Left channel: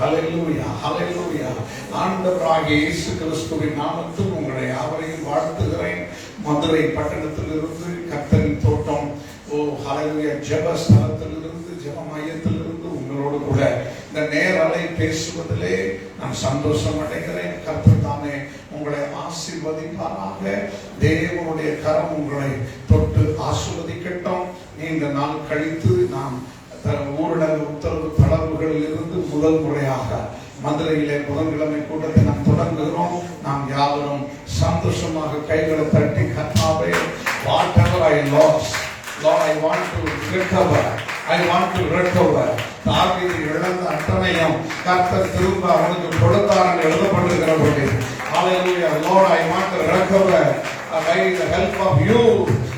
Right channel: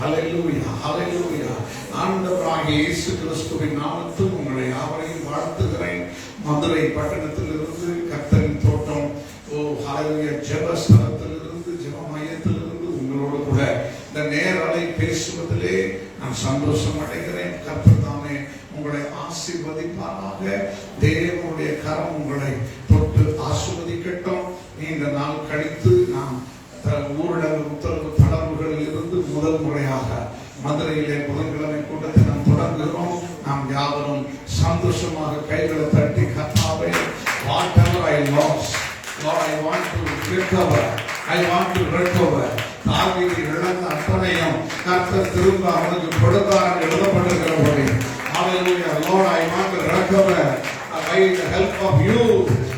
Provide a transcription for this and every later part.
ஹல்லேலூயா, ஹல்லேலூயா. ஆண்டவராகிய இயேசு கிறிஸ்துவின் நாமத்தில் உங்களை யாவரையும் வாழ்த்துகிறேன். மதுரை பட்டணத்திலிருந்து கர்த்தரின் தோட்டம் ஹல்லேலூயா ஜெபஸ்தலத்திலிருந்து ஜெப மையத்திலிருந்து உங்களோடு கூட இந்த நேரலை பேசுவதிலே நான் சந்தோஷம் அடைகிறேன். கர்த்தர் தாமே உங்களை ஆசீர்வதிப்பாராக. தேவனுடைய கரம் உங்களை தொட்டு ஆசீர்வதிக்கட்டும். நீண்ட நாள் கழித்து நாம் ஊரடங்கு உத்தரவு தளர்வுகளில் இருந்து முதல் முறையாக மதுரையிலே புதன்கிழமை கூட்டத்தை நாம் தொடங்குகிறோம். நாம் யாவரும் சந்தோஷமாக கைகளை தட்டி கர்த்தாவே, whatever I lost, Lord, I want to recover. I want to recover. தாவீது இழந்த அத்தனையும் கர்த்தர் திரும்ப அவனுக்கு கொடுத்தார் என்று எழுதப்பட்டிருக்கிறபடி, Hallelujah, Lord, I want to recover by the help of you.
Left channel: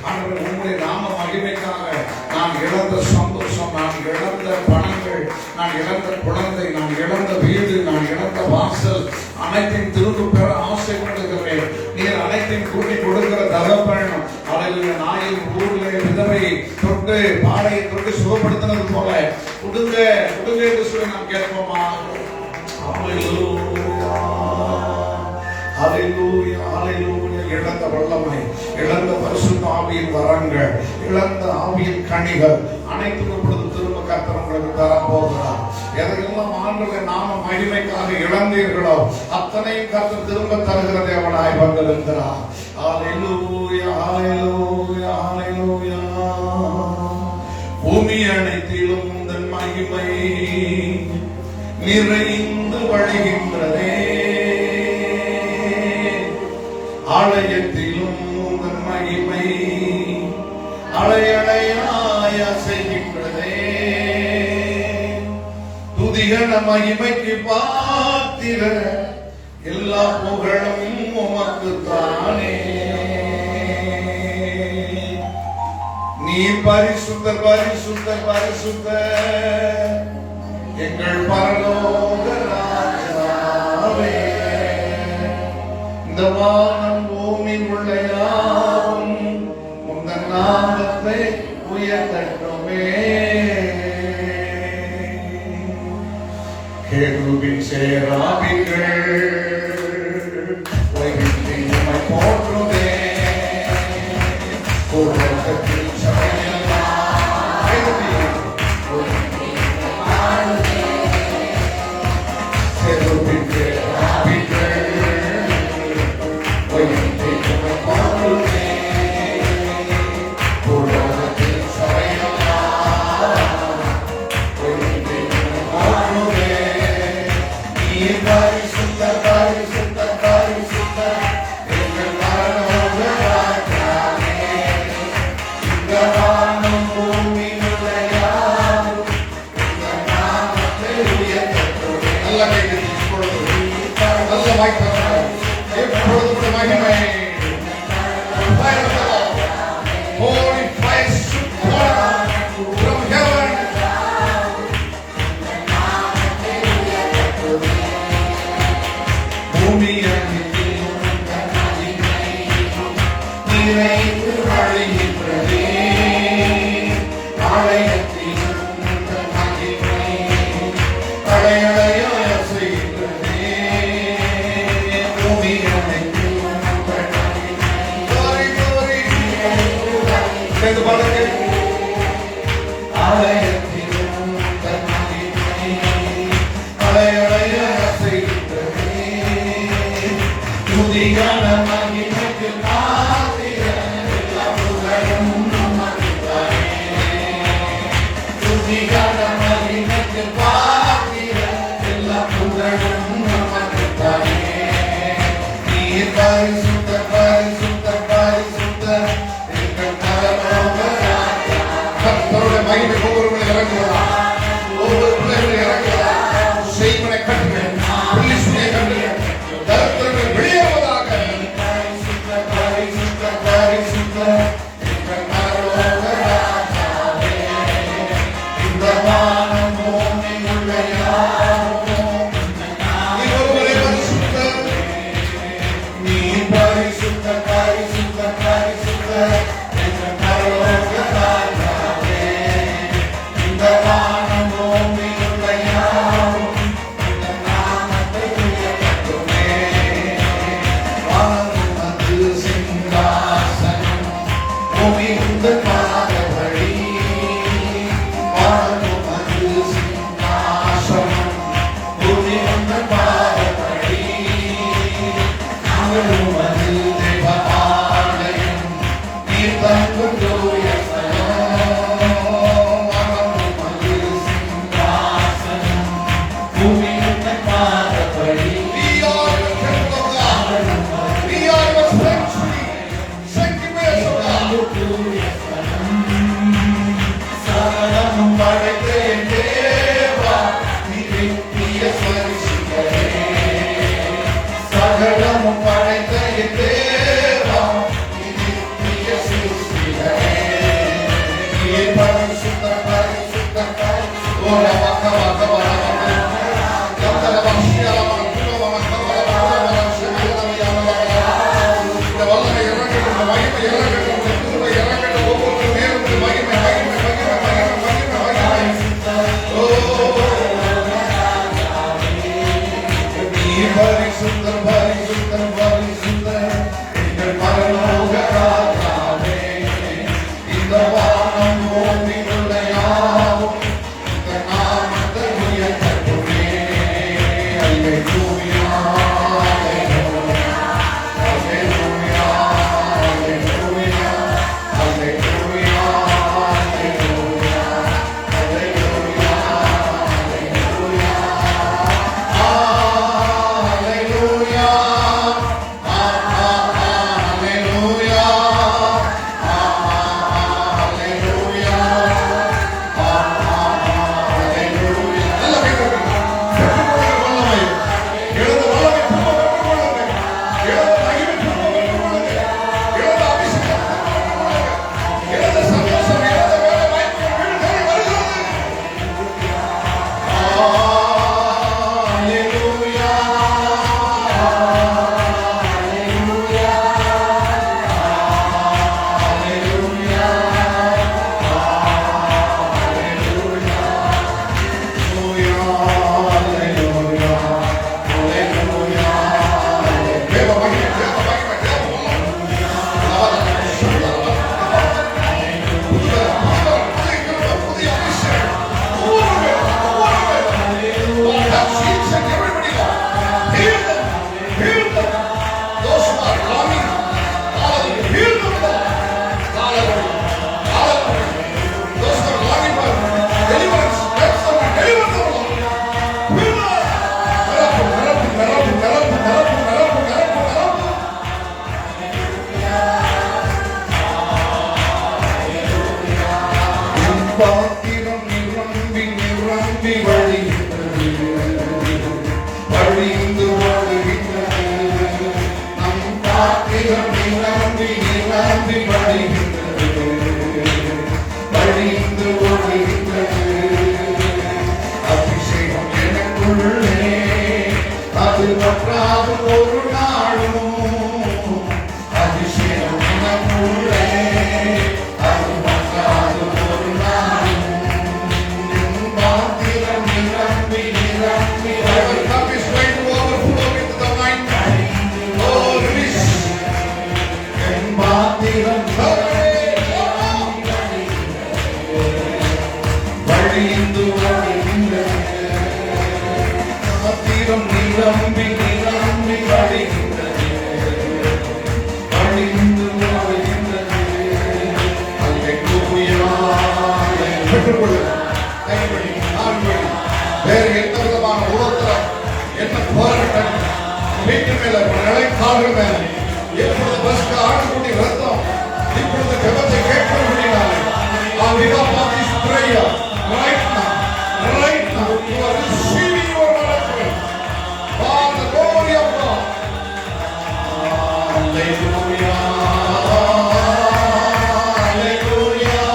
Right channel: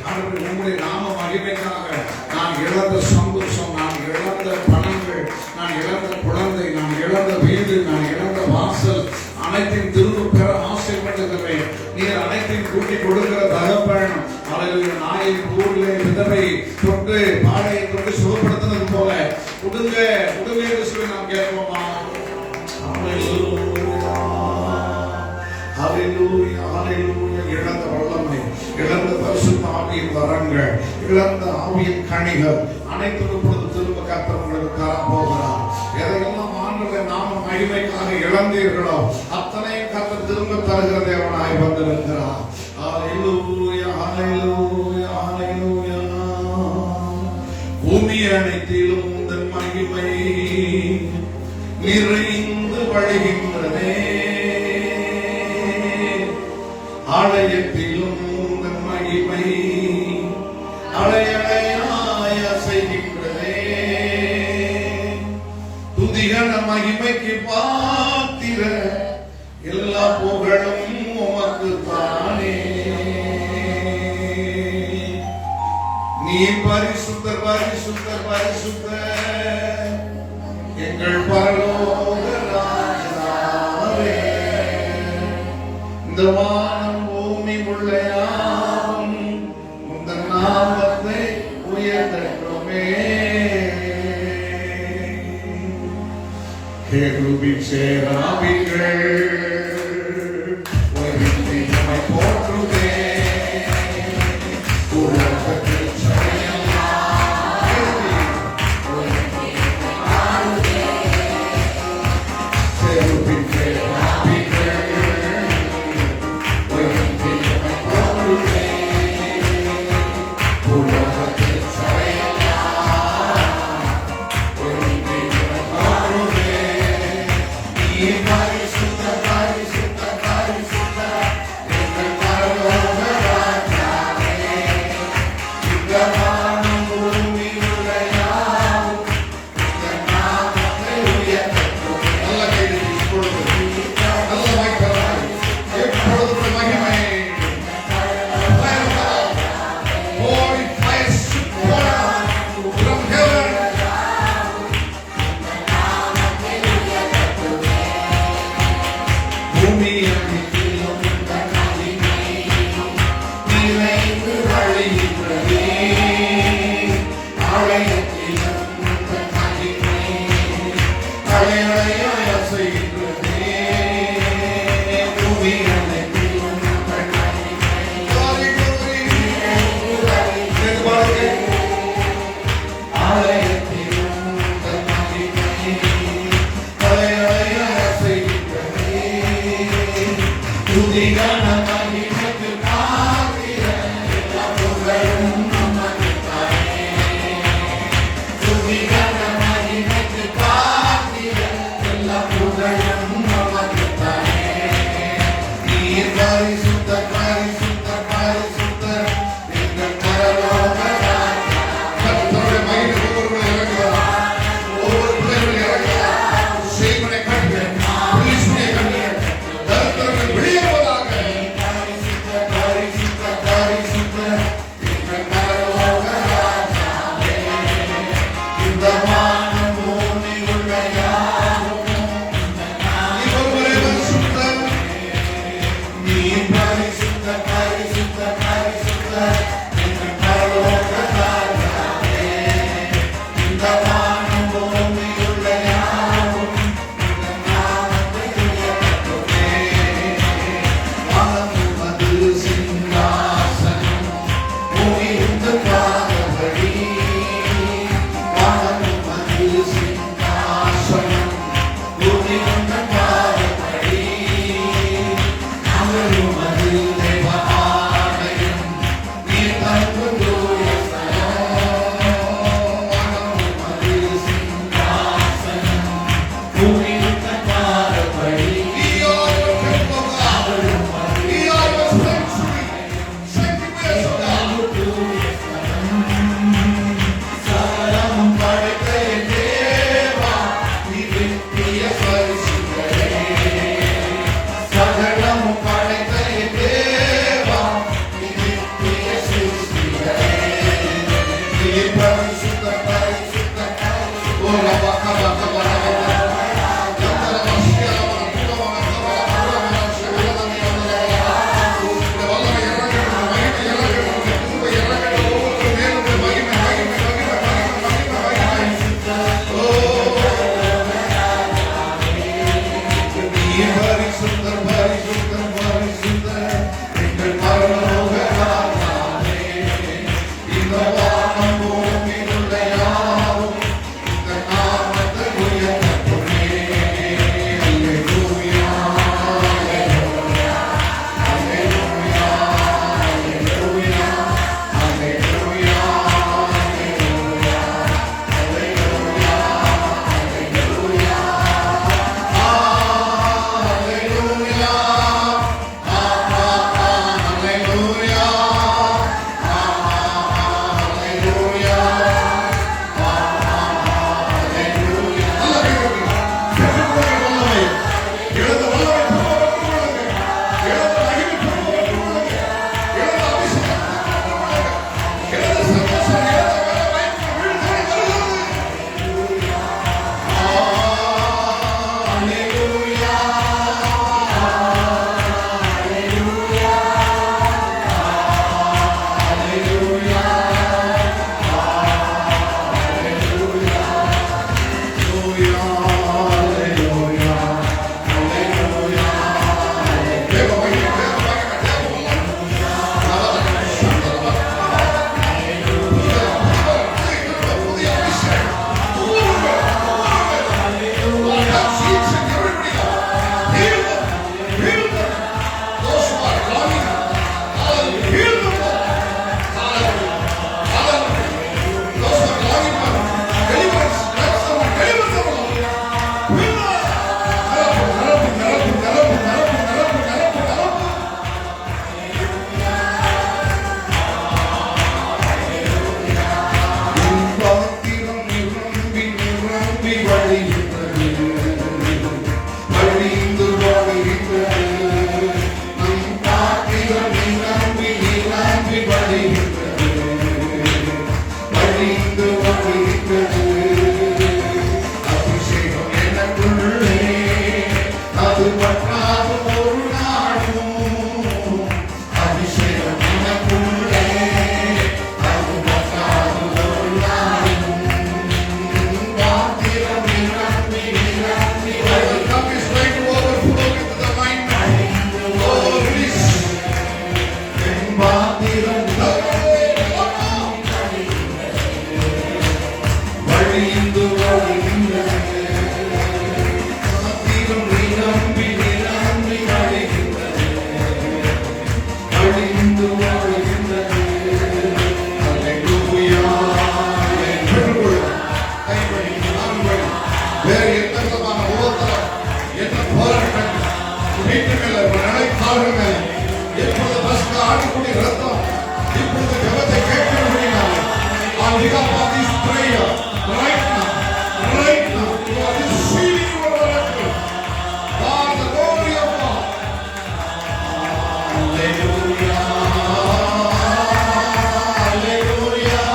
ஆண்டவரே, உம்முடைய நாம மகிமைக்காக நான் இழந்த சந்தோஷம், நான் இழந்த பணங்கள், நான் இழந்த குழந்தை, நான் இழந்த வீடு, நான் இழந்த வாசல் அனைத்தையும் திரும்ப பெற ஆசைப்படுகிறேன். நீர் அனைத்தையும் கூட்டி கொடுக்கிற தகப்பன். Hallelujah, நாயின் ஊரிலே விதவை தொட்டு பாடையை தொட்டு சுகப்படுத்தினது போல உடுங்க உடுங்க என்று சொல்லி நாம் கேட்போமா? ஹல்லேலூயா, ஹல்லேலூயா. இழந்த வல்லமை, இழந்த பரிசுத்த ஆவியின் வரங்கள், இழந்த ஆவியின் கனிகள் அனைத்தும் இப்பொழுது திரும்ப கர்த்தர் உங்களுக்கு தரப்போகிறார். எதையெல்லாம் ஆண்டவருடைய நாம மகிமைக்காக இழந்தீர்களோ அத்தனையும் கர்த்தர் திரும்ப தருகிற தேவனாய் வந்திருக்கிறார். ஹல்லேலூயா, ஹல்லேலூயா, ஹல்லேலூயா. பூமி அனைத்திலும் உந்தன் மகிமை நிறைந்து வழிகின்றதே, ஆலயத்திலும் உந்தன் மகிமை அலையலையாய் அசைகின்றதே. துதிகன மகிமைக்கு பாத்திர எல்லா புகழும் உமக்கு தானே. நீ பரிசுத்தர், பரிசுத்தர், பரிசுத்தர் எங்கள் பரலோக ராஜாவே. இந்த வானம் பூமி முள்ளையாம் உந்தன் நாமத்தை உயர்த்தட்டுமே. கேருபீன் சேராபீன்கள் போற்றுதே. உலகத்தில் செய்வனை கட்டுங்கள், புலிசுனை கட்டுங்கள், தரித்திரங்கள் வெளியேறுவதாக. எனக்குள்ளே அது பற்றாது ஒரு நாளும் அபிஷேகம் எனக்குள்ளே அது பற்றாது ஒரு நாளும் பாத்திரம் நிரம்பி நிரம்பி our cup is going to overflow with the wine. Oh, release. என் பாத்திரம் வழிந்து வழிகின்றது பாத்திரம் நிரம்பி நிரம்பி வழிகின்றது வழிந்து வழிகின்றது. அல்லேலூயா. பெற்றுக்கொள்ளுங்கள். கைப்படி ஆண்கள் வேறு எந்த விதமான உபத்திரம் எந்த போராட்டம் வீட்டு மேல நிலைக்காக மேல எப்பொழுது பஸ்க்கு ஆடக்கூடிய ரத்தம் இப்பொழுது ஜெபத்தை கேட்க முடியாது. Right now, you are receiving your miracle. For the glory of God. Hallelujah. Hallelujah.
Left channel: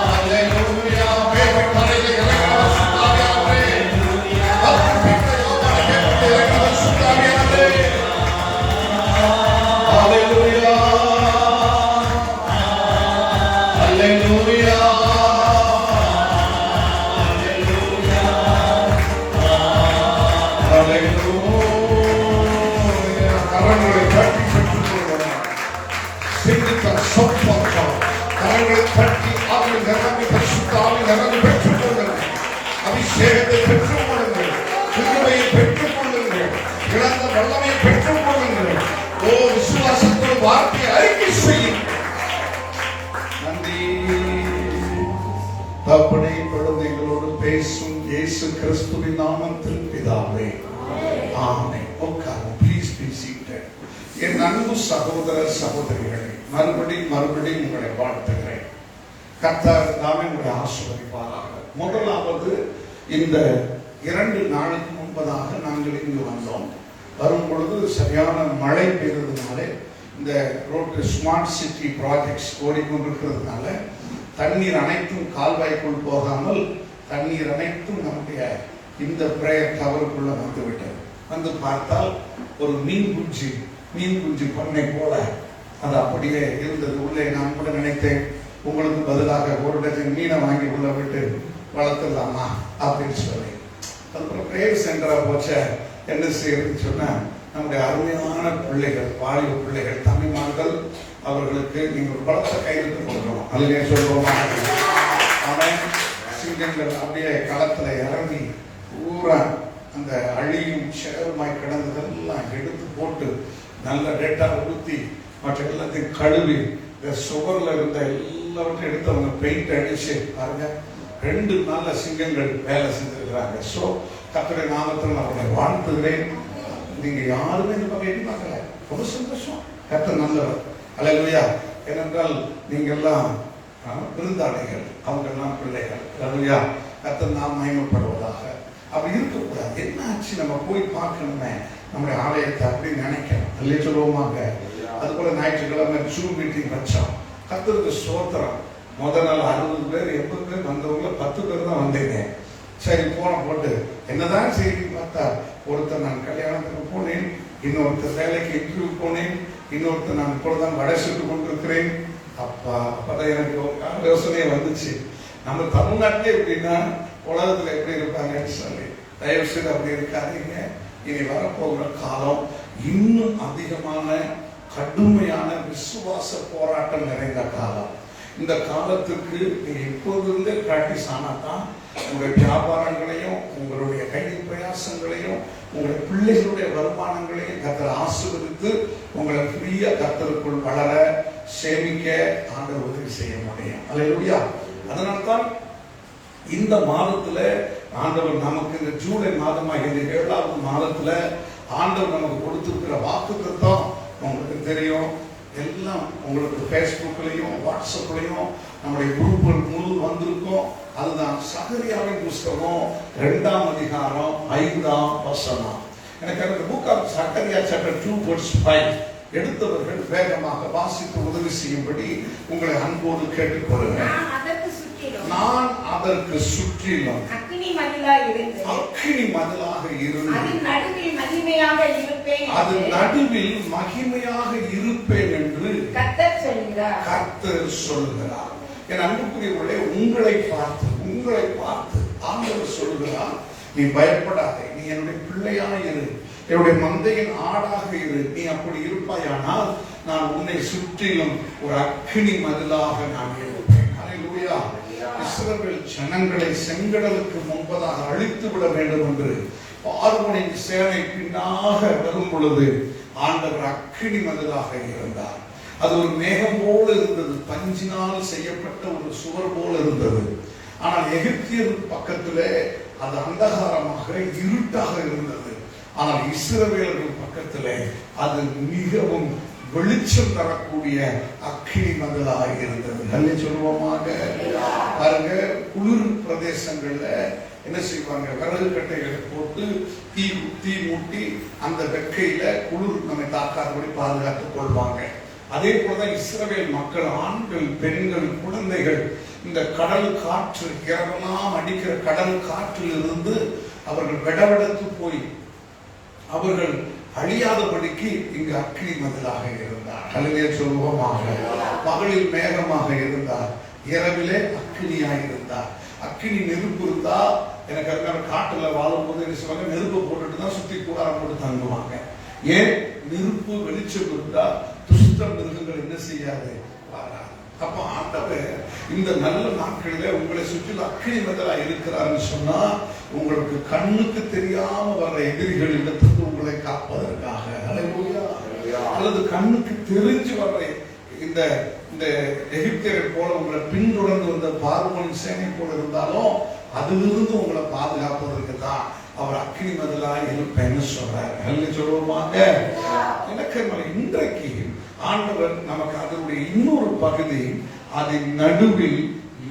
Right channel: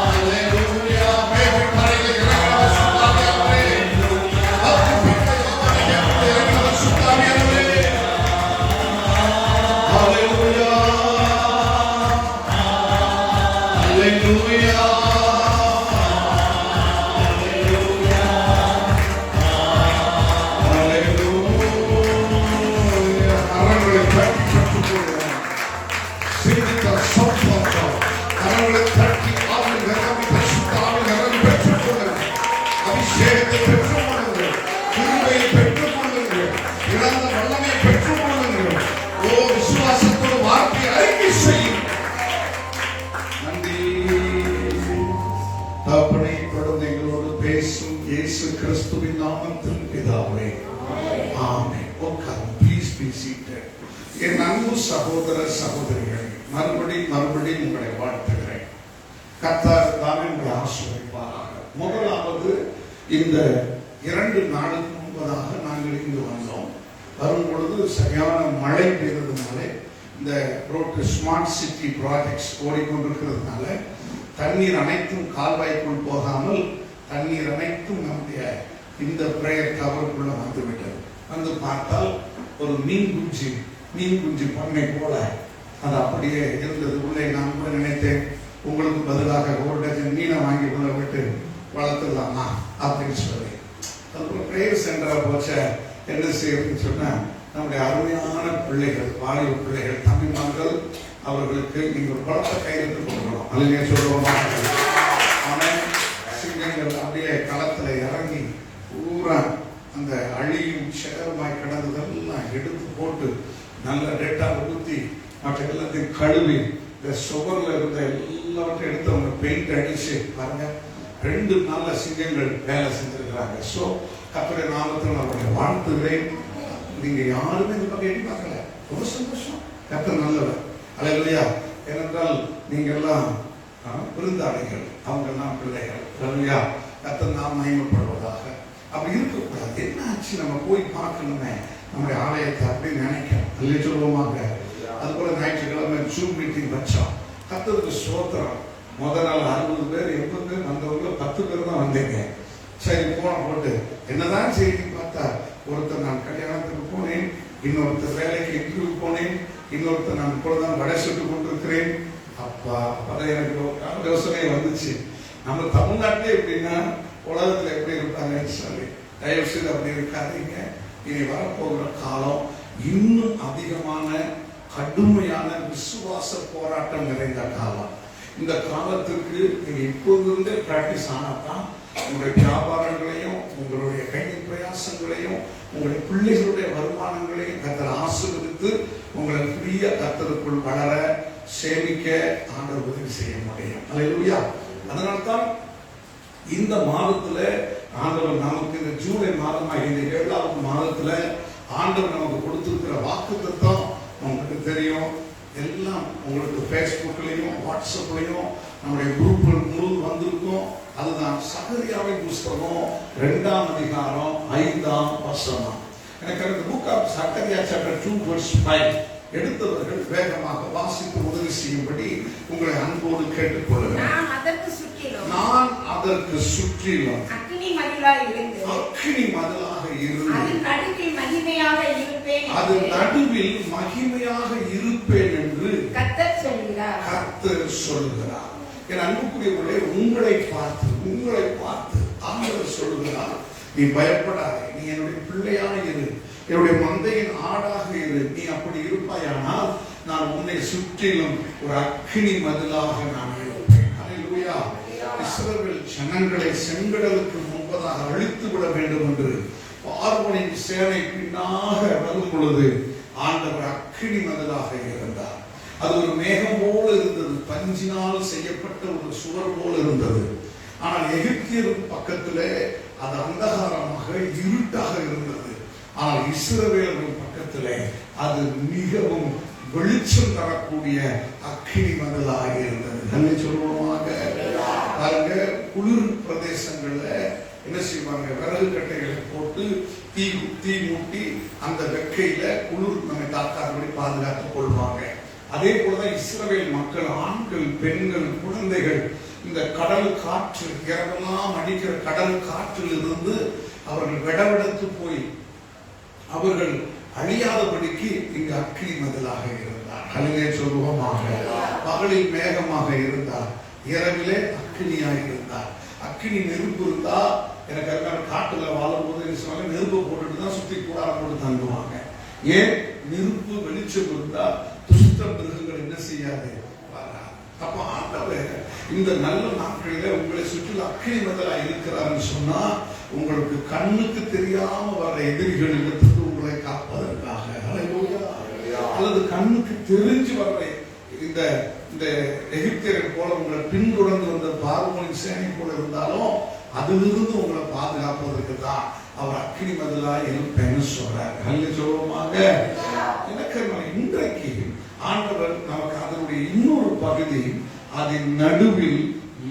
Hallelujah. Praise கரையிலே இறங்கினவர் சுத்தாவியானவரே. பக்திப்பிள்ளை யோவானை கேட்கிற இறங்கினவர் சுத்தாவியானவரே. Hallelujah. Hallelujah. அபிஷேகத்தை பெற்றுக் கொள்ளுங்கள், கிருபையை பெற்றுக் கொள்ளுங்கள், இழந்த வல்லமையை பெற்றுக் கொள்ளுங்கள். ஓ விசுவாசத்தோடு வார்த்தையை அறிக்கை செய்யும். நன்றி தகப்பனே, இப்பொழுது எங்களோடு பேசும் இயேசு கிறிஸ்துவின் நாமத்தில் பிதாவே, ஆமென். உட்காருங்கள். Please B seated. என் அன்பு சகோதர சகோதரிகளை மறுபடியும் உங்களை வாழ்த்துகிறேன். கர்த்தர் தாமே உங்களை ஆசீர்வதிப்பாராக. முதலாவது, இந்த 2 நாளுக்கு முன்பதாக நாங்கள் இங்கு வந்தோம். வரும் பொழுது சரியான மழை பெய்ததுனால இந்த ரோட்டு ஸ்மார்ட் சிட்டி ப்ராஜெக்ட்ஸ் ஓடிக்கொண்டிருக்கிறதுனால தண்ணீர் அனைத்தும் கால்வாய்க்குள் போகாமல் தண்ணீர் அனைத்தும் நம்முடைய இந்த பிரேயர் கவருக்குள்ள வந்துவிட்டது. வந்து பார்த்தால் ஒரு மீன் குஞ்சு பண்ணை போல அது அப்படியே இருந்தது. உள்ளே நான் கூட நினைத்தேன், உங்களுக்கு பதிலாக 1 டஜன் மீனை வாங்கி உள்ள விட்டு வளர்த்துடலாமா அப்படின்னு சொல்லி. அதுக்கப்புறம் பிரேயர் சென்டரா போச்ச என்ன செய்யறதுன்னு சொன்னா, நம்முடைய அருமையான பிள்ளைகள், வாலிப பிள்ளைகள், தம்பிமார்கள், அவர்களுக்கு நீங்கள் பலத்த கையெழுத்து கொடுக்கணும். அதுலேயே சொல்லுவோமா? அவன் சிங்கங்கள் அப்படியே களத்துல இறங்கி பூரா அந்த அழியும் சேதமாய் கிடந்ததெல்லாம் எடுத்து போட்டு நல்ல டேட்டா ஊற்றி மற்ற எல்லாத்தையும் கழுவி சுவர்ல இருந்த எல்லாவற்றையும் எடுத்து அவங்க பெயிண்ட் அடிச்சு பாருங்க 2 நல்ல சிங்கங்கள் வேலை செஞ்சிருக்கிறாங்க. ஸோ கர்த்தருடைய நாமத்தில் அவர்களை வாழ்த்துகிறேன். நீங்க யாருமே இந்த பக்கம் எண்ணி பார்க்கல, ரொம்ப சந்தோஷம். கர்த்தர் நல்லவர். அல்லேலூயா. ஏனென்றால் நீங்க எல்லாம் விருந்தாளிகள், அவங்க எல்லாம் பிள்ளைகள். அல்லேலூயா. கர்த்தர் நாம் மகிமைப்படுவதாக. அப்படி இருக்கக்கூடாது. என்ன ஆச்சு, நம்ம போய் பார்க்கணுமே நம்முடைய ஆலயத்தை அப்படின்னு நினைக்கிறோம். அல்லே சொல்லுவோமாங்க. அது போல ஞாயிற்றுக்கிழமை ஜூம் மீட்டிங் வச்சோம். கர்த்தருக்கு ஸ்தோத்திரம். முதல் நாள் 60 பேர் 80 பேர் வந்தவங்க 10 பேர் தான் வந்தீங்க. சரி போட்டு என்னதான் செய்தி பார்த்தா, ஒருத்தர் நான் கல்யாணத்துக்கு போனேன், இன்னொருத்தர் வேலைக்கு இன்டர்வியூ போனேன், இன்னொருத்தர் நான் இப்பொழுதுதான் வடை சுட்டு கொண்டிருக்கிறேன். அப்பதான் எனக்கு யோசனையே வந்துச்சு, நம்ம தமிழ்நாட்டிலே எப்படின்னா உலகத்துல எப்படி இருப்பாங்கன்னு சொல்லி. தயவு செய்து அப்படி இருக்காதீங்க. இனி வரப்போகிற காலம் இன்னும் அதிகமான கடுமையான விசுவாச போராட்டம் நிறைந்த காலம். இந்த காலத்துக்கு நீங்க இப்போதிருந்தே பிராக்டிஸ் ஆனாதான் உங்களுடைய வியாபாரங்களையும் உங்களுடைய கையின் பிரயாசங்களையும் உங்களுடைய பிள்ளைகளுடைய வருமானங்களையும் கர்த்தர் ஆசீர்வதித்து உங்களை ஃப்ரீயா கர்த்தருக்குள் வளர சேமிக்க ஆண்டவர் உதவி செய்ய முடியும். அல்லேலூயா. அதனால்தான் இந்த மாதத்துல ஆண்டவர் நமக்கு, இந்த ஜூலை மாதமா இந்த 7வது மாதத்துல ஆண்டவர் நமக்கு கொடுத்திருக்கிற வாக்குத்தத்தம் உங்களுக்கு தெரியும். எல்லாம் உங்களுக்கு பேஸ்புக்லயும் வாட்ஸ்அப்லயும் நம்முடைய குரூப்கள் முழு வந்திருக்கும். அதுதான் சகரியாவின் புஸ்தகம் 2ஆம் அதிகாரம் 5ஆம் வசனம். எனக்கு அந்த புக் ஆஃப் சகரியா சாப்டர் 2:5 எடுத்தவர்கள் வேகமாக வாசித்து உதவி செய்யும்படி உங்களை அன்போடு கேட்டுக்கொள்கிறேன். நான் அதற்கு சுற்றிலும் மதிலாய் இருந்து அக்கினி மதிலாக இருந்து அதன் நடுவில் மகிமையாக இருப்பேன் அது நடுவில் மகிமையாக இருப்பேன் என்று கர்த்தர் சொல்கிறார். கர்த்தர் சொல்கிறார். என் அன்புக்குரியவர்களே, உங்களை பார்த்து ஆண்டவர் சொல்கிறார், நீ பயப்படாதே, நீ என்னுடைய பிள்ளையாக இரு, என்னுடைய மந்தையின் ஆடாக இரு. நீ அப்படி இருப்பாயானால் நான் உன்னை சுற்றிலும் ஒரு அக்கினி மதிலாக நான் இருப்பேன். ஹல்லேலூயா. இஸ்ரவேல் ஜனங்களை செங்கடலுக்கு முன்பதாக அழித்து விட வேண்டும் என்று பார்வோனின் சேனை பின்னாக வரும் பொழுது ஆண்டவர் அக்கினி மதிலாக இருந்தார். அது ஒரு மேகம் போல இருந்தது, பஞ்சினால் செய்யப்பட்ட ஒரு சுவர் போல இருந்தது. ஆனால் எகிப்தியர் பக்கத்திலே அது அந்தகாரமாக இருட்டாக இருந்தது. ஆனால் இஸ்ரவேலர்கள் பக்கத்திலே அது மிகவும் வெளிச்சம் தரக்கூடிய அக்கினி மதிலாக இருந்தது. நல்ல சொல்லுவோமாக. பாருங்க, குளிர் பிரதேசங்கள்ல என்ன செய்வாங்க, விறகு கட்டைகளை போட்டு தீ மூட்டி அந்த வெக்கையில குளிர் நம்மை தாக்காதபடி பாதுகாத்துக் கொள்வாங்க. அதே போலதான் இஸ்ரவேல் மக்கள், ஆண்கள், பெண்கள், குழந்தைகள் இந்த கடல் காற்று, இரவெல்லாம் அடிக்கிற கடல் காற்றில் இருந்து அவர்கள் விடவெடுத்து போய் அவர்கள் அழியாதபடிக்கு இங்கு அக்கினி மதிலாக இருந்தார். கலைஞே சொல்வோமாக. பகலில் மேகமாக இருந்தார், இரவிலே அக்கினியாக இருந்தார். அக்கினி நெருப்பு இருந்தா, எனக்கு அதுக்கான காட்டுல வாழும் போது என்ன சொல்லுவாங்க, நெருப்பு போட்டுட்டு தான் சுத்தி கூடாரம் போட்டு தங்குவாங்க. ஏன்? நெருப்பு வெளிச்சம் இருந்தா துஷ்ட மிருகங்கள் என்ன செய்யாது. அப்ப ஆண்டவர் இந்த நல்ல நாட்களில உங்களை சுற்றி அக்கினி மதிலா இருக்கிறார்னு சொன்னா, உங்களுக்கு கண்ணுக்கு தெரியாம வர்ற எதிரிகள் இடத்துக்கு உங்களை காப்பதற்காக, அல்லது கண்ணுக்கு தெரிஞ்சு வர்ற இந்த எகிப்தியரை போல உங்களை பின்தொடர்ந்து வந்த பார்வோனின் சேனை போல இருந்தாலும் அதிலிருந்து உங்களை பாதுகாப்பதற்கு தான் அவர் அக்கினி மதிலா இருப்பேன்னு சொல்றாரு. சொல்லுவோமாங்க. எனக்கு இன்றைக்கு ஆண்டவர் நமக்கு அதனுடைய இன்னொரு பகுதி, அதன் நடுவில்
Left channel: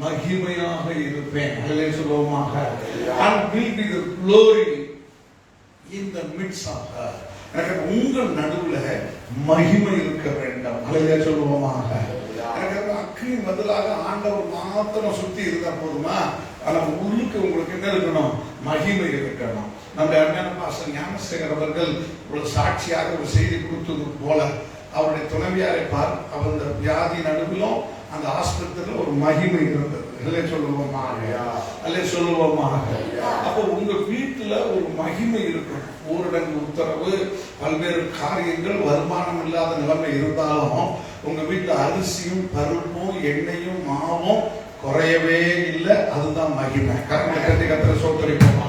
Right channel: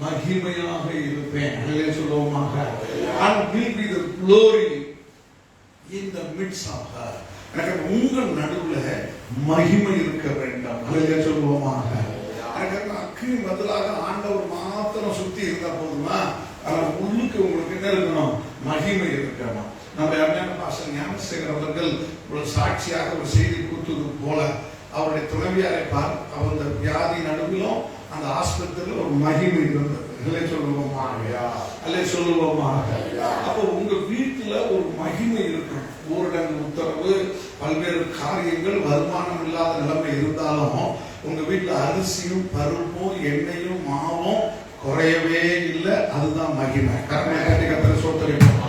மகிமையாக இருப்பேன் சொல்லுவோமாக. And will be the glory in the midst of her. எனக்கு உங்கள் நடுவுல மகிமை இருக்க வேண்டும். சொல்லுவோமாக. எனக்கு அக்கினி பதிலாக ஆண்டவர் மாத்திரம் சுத்தி இருந்தா போதுமா? ஆனா உள்ளுக்கு உங்களுக்கு என்ன இருக்கணும்? மகிமை இருக்கணும். நம்ம அண்ணன் பாஸ்டர் ஞானசேகர் அவர்கள் ஒரு சாட்சியாக ஒரு செய்தி கொடுத்தது போல, அவருடைய துணைவியாரை பார், அவர் வியாதி நடுவிலும் அந்த ஆஸ்பத்திரியில் ஒரு மகிமை இருந்தது. சொல்லுவோமாக. அப்போ உங்க வீட்டுல ஒரு மகிமை இருக்கணும். ஊரடங்கு உத்தரவு, பல்வேறு காரியங்கள், வருமானம் இல்லாத நிலைமை இருந்தாலும் உங்க வீட்டுல அரிசியும் பருப்பும் எண்ணெயும் மாவும் குறையவே இல்லை. அதுதான் மகிமை. கரங்களை கட்டி கத்திர சோத்தரிப்போம்.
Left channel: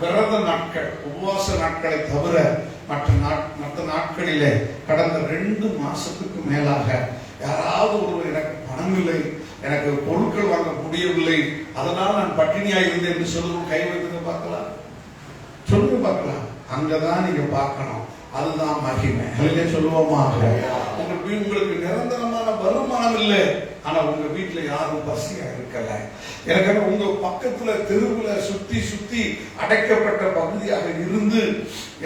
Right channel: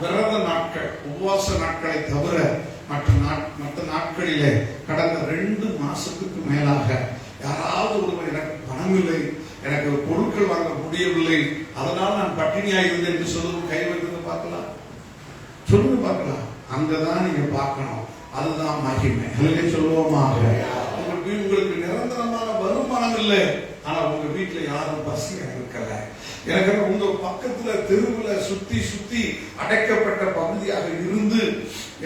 விரத நாட்கள், உபவாச நாட்களை தவிர மற்ற நாட்களிலே கடந்த 2 மாசத்துக்கு மேலாக யாராவது ஒருவர் எனக்கு பணம் இல்லை, எனக்கு பொருட்கள் வாங்க முடியவில்லை, அதனால் நான் பட்டினியா இருந்தேன் என்று சொல்லுவோம். கை வைத்து பார்க்கலாம், சொல்லுங்க பார்க்கலாம். அங்கதான் நீங்க பார்க்கணும். அதுதான் மகிமை. சொல்லுவோமாக. உங்களுக்கு நிரந்தரமான வருமானம் இல்லை, ஆனா உங்க வீட்டுல யாரும் பசியா இருக்கல. எனக்கு உங்க பக்கத்துல தெருவுல சுத்தி சுத்தி அடைக்கப்பட்ட பகுதியாக இருந்து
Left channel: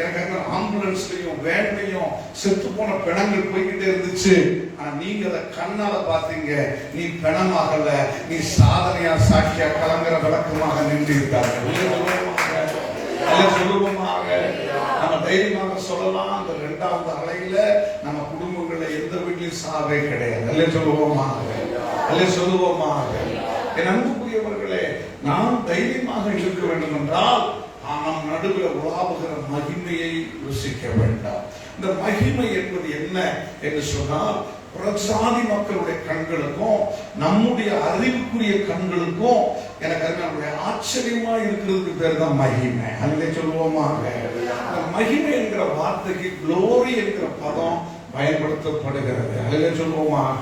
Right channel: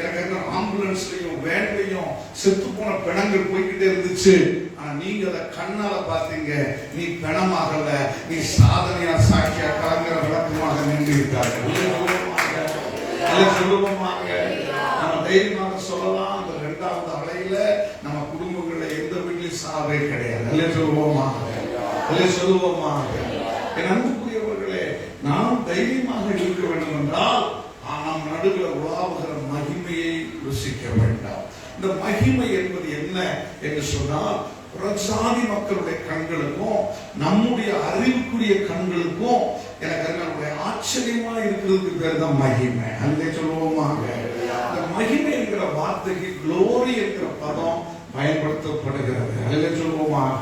எனக்கு ஆம்புலன்ஸ்லயும் வேன்லையும் செத்து போன பிணங்கள் போய்கிட்டே இருந்துச்சு. ஆனா நீங்க அதை கண்ணால பாத்தீங்க. நீ பிணமாகல, நீ சாதனையா சாட்சியா கலங்குற விளக்கமாக நின்று இருக்காங்க. சொல்லுவோமாக. நம்ம தைரியமாக சொல்லலாம், இந்த 2வது அலையில நம்ம குடும்பங்கள்ல எந்த வீட்லயும் சாவே கிடையாது. சொல்லுவோமாக. என் அன்புக்குரியவர்களே, நாம் தைரியமாக இருக்க வேண்டும் என்றால் நாம் நடுவில் உலாவுகிற மகிமையை ருசிக்க வேண்டாம். இந்த மகிமை என்பது என்ன என்று சொன்னால், புறஜாதி மக்களுடைய கண்களுக்கும் நம்முடைய அறிவுக்குரிய கண்களுக்கும் எனக்கு நம்முடைய ஆச்சரியமா இருக்கிறதுக்கு பேர் தான் மகிமை. அதை சொல்லுவோமாக. இந்த மகிமை என்கிற வார்த்தைக்கு குளோரி என்கிற பதம் பயன்படுத்தப்படுகிறது. அதில் சொல்லுவோமாக.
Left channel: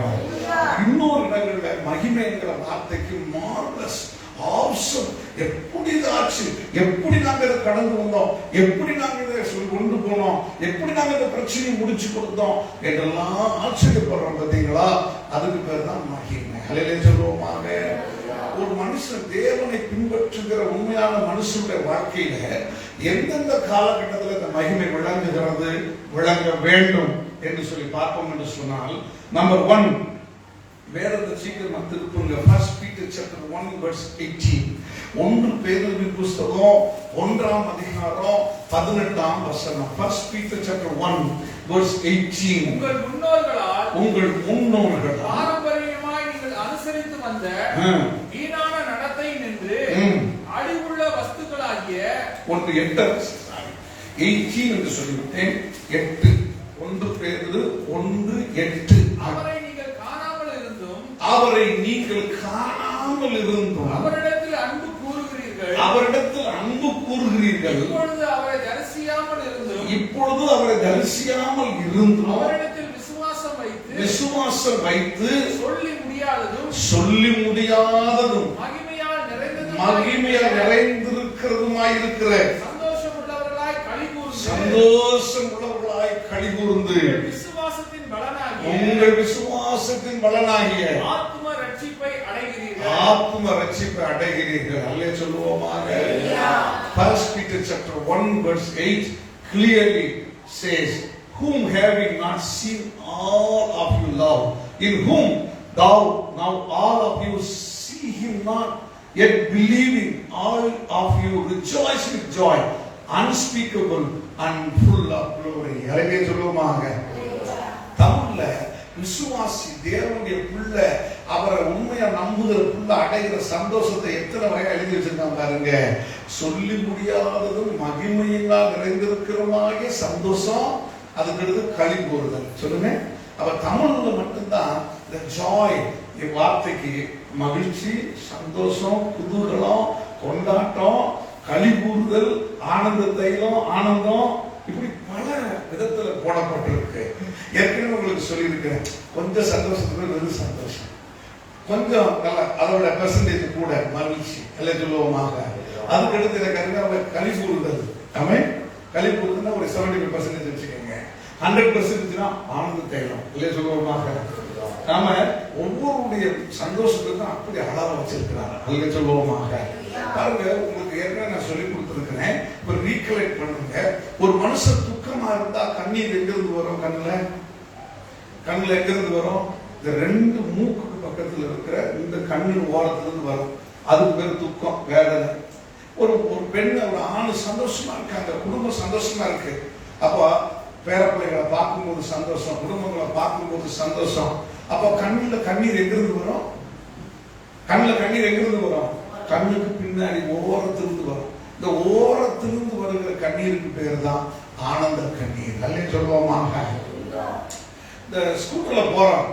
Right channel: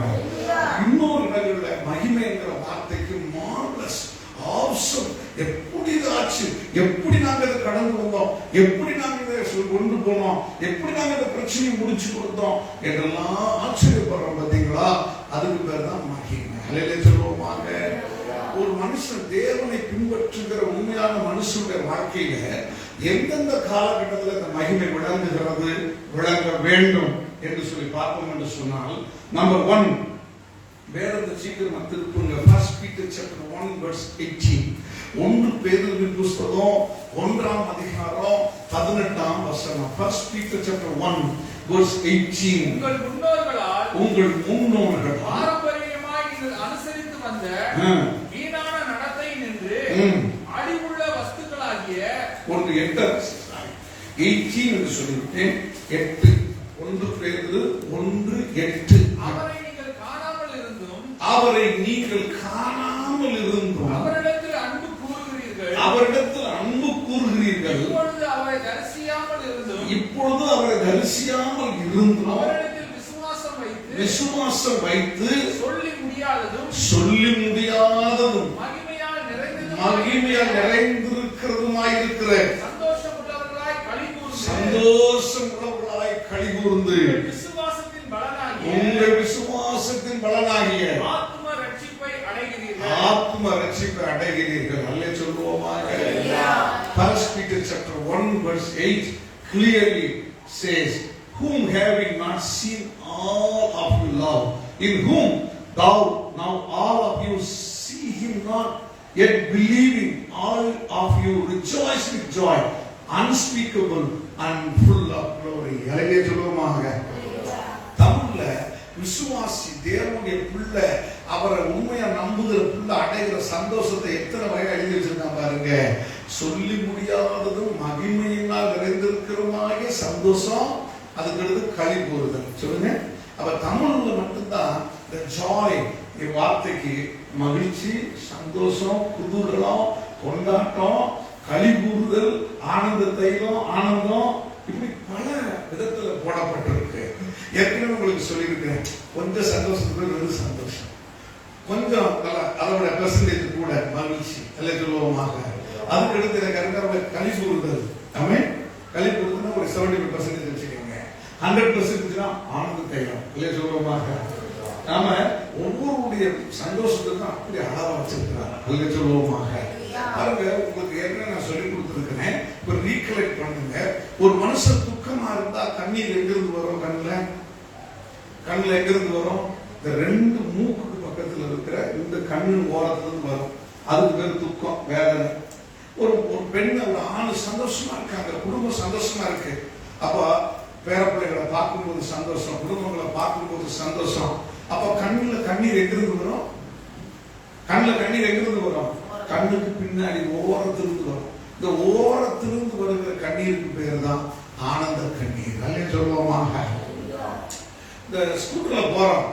இன்னொரு இடங்கள்ல மகிமை என்கிற வார்த்தைக்கு மார்வலஸ், ஆசம், எப்படிதாச்சு, எப்படி நாங்க இதை கடந்து வந்தோம், எப்படி நாங்க இதை கொண்டு போனோம், எப்படி நாங்க இந்த பிரச்சனையை முடிச்சு கொடுத்தோம் என்றெல்லாம் ஆச்சரியப்படுறோம். பார்த்தீங்களா? அதுக்கு பேர் தான் மகிமை. அதிலே சொல்லுவோமாக. ஒரு மனுஷன் தேவனை பின்பற்றுகிற உண்மையான மனுஷனுடைய வாழ்க்கையில எந்தெந்த காலகட்டத்தில் இந்த மகிமை விளங்குகிறது, விளங்க வேண்டும் என்று சொல்லி பார்ப்போம் என்று சொன்னால், நம்பர் 1, வேறொரு சீக்கிரமா திருப்புங்க. 1 Peter chapter 1 verse 18. 1 பேதுரு புத்தகம் 1ஆம் அதிகாரம் 18ஆம் வசனம். 1 Peter chapter 1 verse 18. உங்கள் முன்னோர்கள் பாரம்பரியமாய் நீங்கள் அனுசரித்து வந்த வீணான நடத்தை நின்று அழிவுள்ள வஸ்துக்களாகிய 18 என்று சொல்லிவிட்டேன். 8 1 பேதுரு 1:8. அவரை நீங்கள் காணாமல் இருந்தும் அவரிடத்தில் அன்பு கூறுகிறீர்கள். இப்பொழுது அவரை தரிசியாமல் இருந்தும் அவரிடத்தில் விசுவாசம் வைத்து சொல்லி முடியாததும் மகிமையால் நிறைந்திருக்கிறதுமாயிருக்கிற சந்தோஷம் உள்ளவர்களாய் களிகூர்ந்து உங்கள் விசுவாசத்தின் பலனாகிய ஆத்ம ரட்சிப்பை அடைகிறீர்கள். அல்லே சொல்லுவோமாக. 1 Peter chapter 1 verse 8 clearly says, whom having not seen all of you love, in whom thou now all of you see him not, yet believing all of you rejoice with joy unspeakable and full of glory. அல்லே சொல்லுவோமாக. தமிழ்ல விசுவாசி தேவனுடைய பிள்ளை அவரை உண்மையா நம்புகிற பிள்ளை அடைகிற சந்தோஷத்தை எத்தனை வகை எழுதி வச்சிருக்காங்க பாருங்க. சொல்லி முடியாததும் மகிமையினால் நிறைந்திருக்கிறமாகிய சந்தோஷம், அதுக்கு களி கூறுதல். சொல்லுங்க. அவர் தமிழ்ல மட்டும்தான் இந்த ஜாய் வார்த்தைக்கு மகிழ்ச்சி, சந்தோஷம், குதூகலம், கொண்டாட்டம், களி கூறுதல், ஆனந்த தைலம், ஆனந்தம், இப்படி பல விதத்துல போடப்பட்டிருக்கு. ஏற்கனவே உங்களுக்கு சொல்லியிருக்கிறேன். கொஞ்சம் சந்தோஷத்துக்கு வெறும் சந்தோஷம், கொஞ்சம் அதோட பெர்சன்டேஜ் கூட மகிழ்ச்சி. அல்ல சொல்லுவோமாக. அதுக்கு அடுத்து எனக்கு களி கூறுதல். அவன் களி கூறுதல்னா ஒரு 75% வச்சுக்கோங்க. 100% ஆனந்த தைலம். இல்ல சொல்லுவோமாக. நாம ஒவ்வொருடைய சந்தோஷத்துக்கும் அப்படி அளவா வச்சிருக்கிறார். அல்ல சொல்லுவோமாக. பாருங்க, உங்களுக்கு ஏற்கனவே நான் சொல்லி கொடுத்திருக்கிறேன். ஒரு ரீகலெக்ட் பண்ணுங்க. ஒரு மனுஷன் துக்கமா இருந்தா கண்ணீர் எங்கிருந்து வரும்? கண்ணுல எங்கிருந்து வரும்? இந்த 2 மூக்குக்கு பக்கத்துல இருக்கிற இந்த கண்ணின் ஓரத்துல இருந்து வரும். அதுக்கு பேர் துக்கம், வேதனை. ஒரு பெண், ஒரு ஆணு சந்தோஷமா இருக்காங்க, குடும்பம் சந்தோஷமா இருக்கு. அப்ப பேரப்பிள்ளைகளை பார்க்கும்போது சந்தோஷம், குடும்பங்களை பார்க்கும்போது சந்தோஷம். அப்ப கண்ணுல கண்ணீர் எங்கிருந்து வரும்? கண்ணுக்கு பின்னாடி ஓரத்திலிருந்து வரும். இந்த ஓரத்திலிருந்து வருகிற கண்ணீருக்கு பேர் தான் ஆனந்த கண்ணீர். அல்ல சொல்லுவோமாக. இந்த ஸ்கூட்டர்ல போறோம்,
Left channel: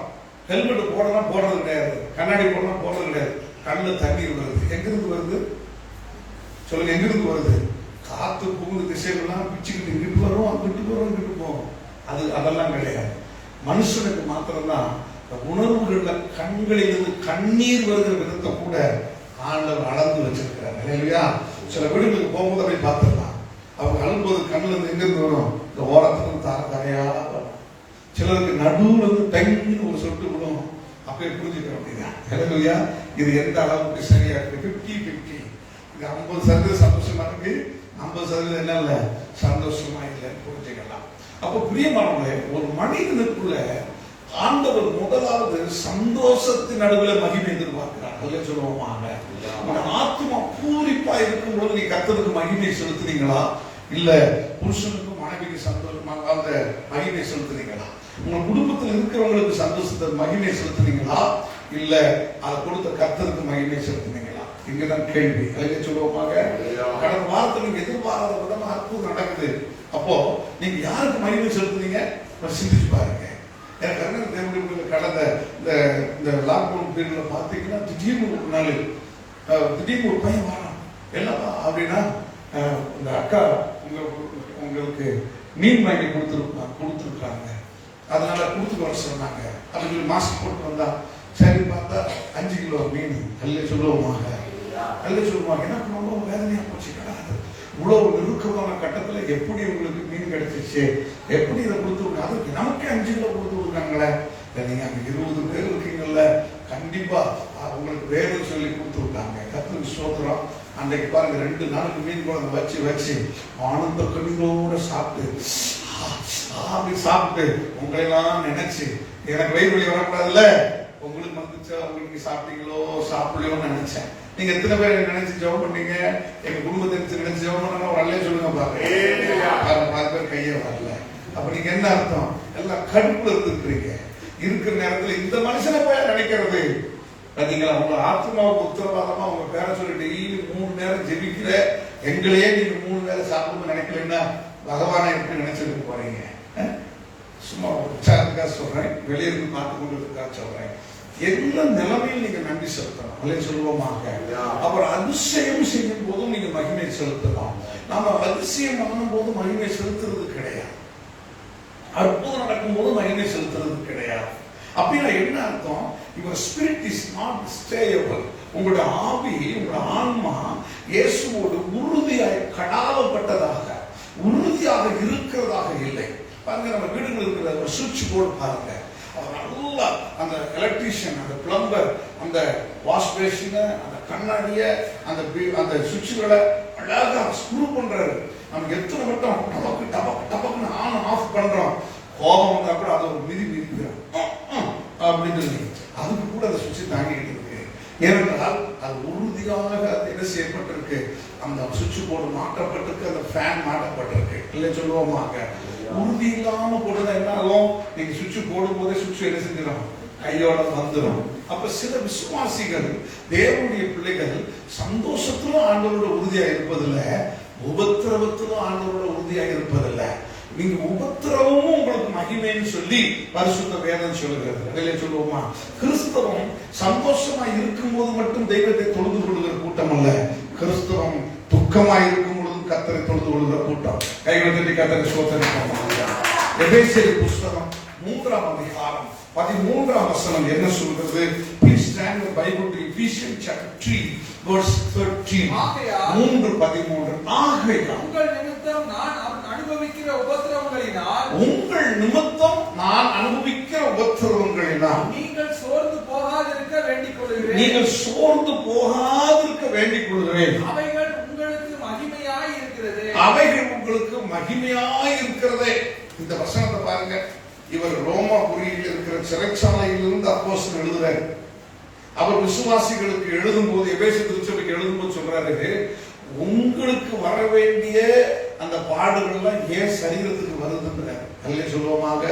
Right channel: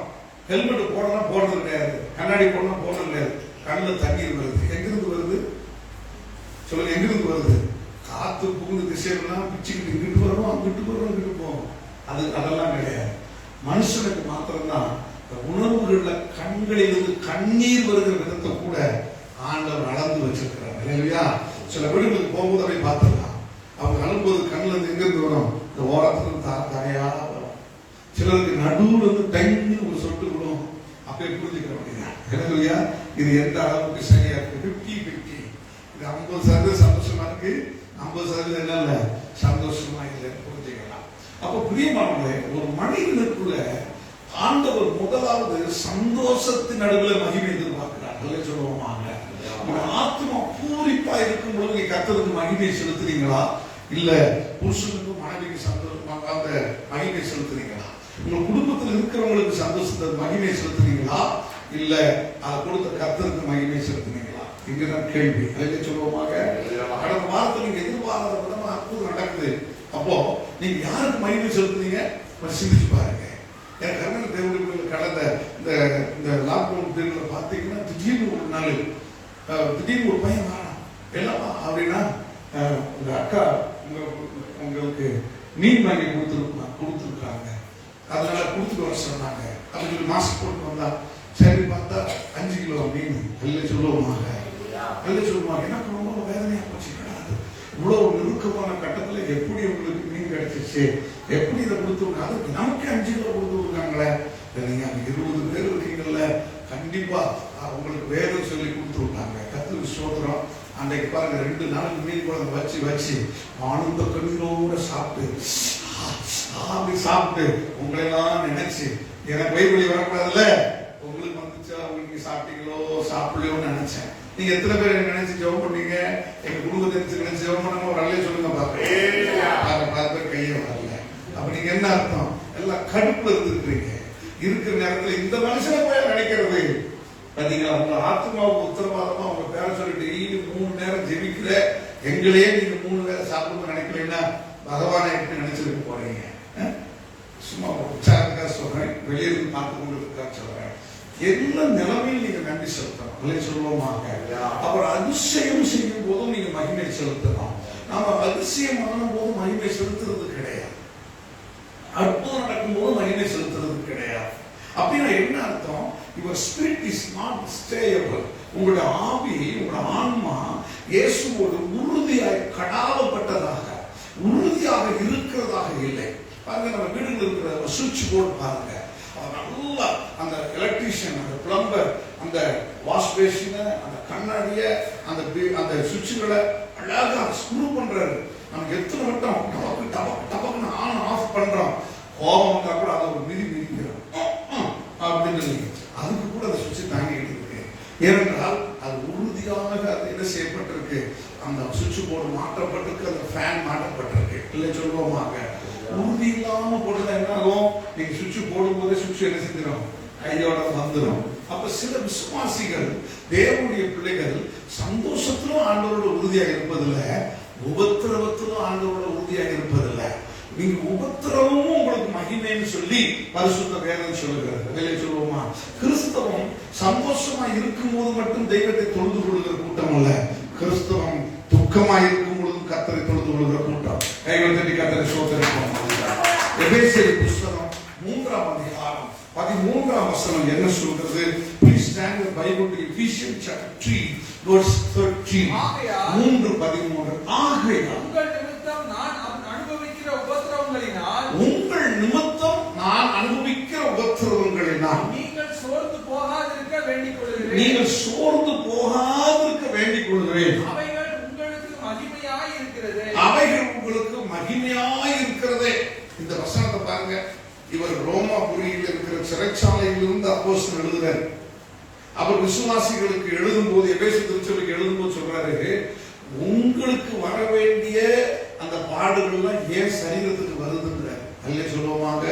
ஹெல்மெட் போடலாம், போடுறது கிடையாது. கண்ணாடி போடலாம், போடுறது கிடையாது. கண்ணுல தண்ணீர் வருது. எங்கிருந்து வருது? சொல்லுங்க, எங்கிருந்து வருது? காத்து புகுந்து திசைகள்லாம் பிச்சுக்கிட்டு இங்கிட்டு வரும், அங்கிட்டு வரும், இங்கிட்டு போகும். அதெல்லாம் கிடையாது. மனுஷனுக்கு மாத்திரம்தான் உணர்வுகள்ல கண்களிலிருந்து கண்ணீர் வருகிற விதத்தை கூட ஆண்டவர் அளந்து வச்சிருக்கிறார். இல்லையா? சில வீடுகளுக்கு போகும்போது அப்படி பார்த்துடலாம். அவங்க அழும்போது கண்ணுல இருந்து எங்கிருந்து வரும்? இந்த ஓரத்துல தரையா வரும். சிலருக்கு நடுவுல இருந்து டைம்னு ஒரு சொட்டு விடும். அப்ப புரிஞ்சுக்கிற அப்படிங்க. இல்லையா? இது எந்த அளவுக்கு சரியா இருக்கு? 50-50. இது 50% சந்தோஷமா இருக்கு, 50% என்ன இல்ல, சந்தோஷமா இல்லைன்னு புரிஞ்சுக்கலாம். அப்ப பிரியமானவர்களே, ஒரு மனிதனுக்குள்ள ஆண்டவர் முதலாவது சந்தோஷத்தின் நடுவில் மகிமை எதிர்பார்க்கிறார். அல்ல சொல்லுவோமாக. ஆத்மா பூரிப்பா இருக்கும் போது நீ கர்த்தருக்கு மகிமை செலுத்துறீங்களா? இல்ல புருஷனுக்கும் மனைவிக்கு சந்தோஷமாக அந்த மகிமை செலுத்துறீங்களா? உங்க குடும்பத்தில் இருக்கிறவங்களுக்கு சந்தோஷத்தை மகிமை செலுத்துறீங்களா? இல்ல அதை கொடுத்த கர்த்தருக்கு மகிமை செலுத்துறீங்களா? இங்கதான் கேள்வி. அல்ல சொல்லுவோமாக. கடந்த வாரத்தில் நீங்க எதிர்பாராத விதமா அற்புதம் நடக்குது. அப்போ நீங்க யாருக்கு மகிமை செலுத்துறீங்க? சிந்திச்சு பாருங்க. எனக்கு தேவனுடைய கடந்த இந்த லாக்டவுன் பீரியட்ல பாத்தீங்கன்னா திடீர்னு ஒரு நாள் திடீர்னு ஒரு பையன் வரான். என்னவா அப்படின்னா, இந்த அக்கா உங்களுக்கு மீன் வாங்கி கொடுத்துருக்காங்க, அதனால கொடுத்துட்டு வர சொன்னாங்க. அதுக்கு மாஸ்க் போட்டு வந்தா சரி பார்த்தா 5 கிலோ மீன். அல்ல சொல்லுவோமாக. என்ன பண்ணுவோம்? வேதனையா போச்சு. கிடையாது, இவ்வளவு நெருக்கமான கட்டத்துல எப்படி உங்களுக்கு மீன் கிடைச்சிச்சு? எப்படி இதை கொடுத்துருக்காங்க? அதுக்கு நமக்கு 5 கிலோ கொடுத்துருக்காங்களே. நீங்க அங்க 20 பேர் இருக்கீங்கல்ல, கண்டிப்பா உங்களுக்கு வேறு சொல்லி கொடுத்துருக்காங்க. கர்த்தருக்கு ஸ்தோத்திரம். அன்றைக்கு பாருங்க 2 நாளுக்கு மீன் குழம்பு வச்சு ஆனந்த கண்ணீரோட சாப்பிட்டு உங்களெல்லாம் நினைச்சு எனக்கு வயிறு வலி வரக்கூடாதுல்ல, உங்களுக்கு வந்துச்சா, உங்களுக்கு சாப்பிட்டீங்களோ சாப்பிடலையோன்னு நினைச்சேன். நீங்க எத்தனை பேர் நினைச்சு ஜெபம் பண்ணீங்க? எங்க குடும்பத்தை நினைச்சு ஜெபம் பண்ணா ஒரு அல்லே சொல்லுங்க பாப்பா. 10 பேர் கையே வரல. அப்ப நீங்க என்ன அர்த்தம்? எல்லாம் கடுப்புல இருந்துக்கிறீங்க. இருக்கிற நேரத்துல இந்த மனுஷனை போய் நினைக்கிறது பாத்தீங்களா? உங்க ஆத்மாவுக்கு உத்தரவாதமா உங்க பேரை சொல்லி டெய்லி 3 நேரம் ஜெபிக்கிற எங்களையே நீங்க 3 வேளை சாப்பிடணும்னு நினைக்கலன்னா பகவானை எப்படி நினைச்சிருக்க போறீங்க? சும்மா உற்சாகத்துக்காக சொல்றேன், வெளியிருந்து பார்த்து கொண்டிருக்கா சொல்றேன். எல்லா நிலைமையில் நீங்க நன்றி செலுத்தணும். அல்லே சொல்லுவோமாக. அப்புறம் அதிசயம் செய்யும் போதும் நீங்க மகிமை செலுத்தலாம். நாம அதிசயம் பண்ணும் போது மகிமை செலுத்துறது கிடையாது. அற்புதம் நடக்கும் போது மகிமை செலுத்துறது கிடையாது. அப்படின்னா என்ன அர்த்தம்? Your spirit is not stable. உங்களுடைய ஆவி, உங்களோட ஆன்மா இயேசுவோடு உறுதியாக கடாவப்பட்டதாக, உறுதியாக இருக்கிறதாக இல்லை. பாருங்க, நம்ம வீடுகள் இருக்கிற சுவிட்ச் போர்டு பாருங்க, நல்லா அந்த எலக்ட்ரீஷியன், அந்த பிளம்பர், அந்த வாஷ் பேசின, அந்த கண்ணாடிய, அந்த சுவிட்சுகளை அழகா ஸ்க்ரூ பண்றாரு. நமக்கு எத்தனை மட்டும் டபக்கு டபக்கு டபக்குன்னு ஆன் ஆஃப் பண்றோம். கோபம் வந்தா கூட அதை ஒரு மிதிக்கிறோம் அப்படின்னு சொல்லி அதுக்கு கூட அந்த சுவிட்சை தாங்கிட்டு இருக்கு. ஏனென்றால் அது உறுதியாக அது என்ன செய்யப்பட்டிருக்கு? அந்த சுவிட்ச் போர்டு மாற்றப்பட்டிருக்கு, அந்த ஃபேன் மாற்றப்பட்டிருக்கு. இல்லை சொல்லுவோமாங்க, உறுதி இல்லாம போடுறது என்ன ஆகும்? நீங்க சுவிட்ச் போடும் போதே சுவிட்ச் என்ன செஞ்சிடும்? கையோட வந்துடும். அப்ப சில விசுவாசிகள், தேவனுடைய பிள்ளைகள் சந்தோஷத்திலும் ஆண்டவரோட உறுதியாக இருப்பதில்லை, உபத்திரவத்திலும் ஆண்டவரோட உறுதியாக இருப்பதில்லை. நீங்க உபத்திரவமும் உங்களுக்கு மகிமைன்னு சொல்லி பரிசுத்த வேதம் சொல்லுகிறது. வெளியே சொல்லுவோமா? கிறிஸ்தவம் சந்தோஷமா இருக்கும் போது மட்டும் தெய்வத்தை தொழுது கொள்கிற கூட்டம் அல்ல. கிறிஸ்தவம் துக்கமா இருக்கும் பொழுது கர்த்தரை தொழுது கொள்கிற கூட்டம். கைகளை தட்டி கர்த்தரை ஸ்தோத்திரிப்போம். எபேசியர் புஸ்தகம் 3ஆம் அதிகாரம் 13ஆம் வசனம் என்ன சொல்கிறது? Please stand the Bible to Ephesians chapter 3 verse 13. 3:13. ஆகையால் உங்கள் நிமித்தம் நான் அனுபவிக்கிற உபத்திரவங்களினால் நீங்கள் சோர்ந்து போகாதிருக்க வேண்டிக் கொள்கிறேன். அவைகள் உங்களுக்கு மகிமையாய் இருக்கிறது. இந்த வசனத்தை பாருங்க. இவர் ரோமாபுரியில் இருக்கிற சிறைச்சாலையிலிருந்து அப்போஸ்தலன் எழுதுறாரு. அவர் விசுவாசிகளுக்கு எழுதும் போது, எபேசிய திருச்சபைக்கு எழுதும் போது சொல்றாரு, உங்களுக்கு வர வேண்டிய அந்த பாடுகள்லாம் ஏன் சரீரத்துக்கு வருதுன்றார். அல்லே சொல்லுவோமாக.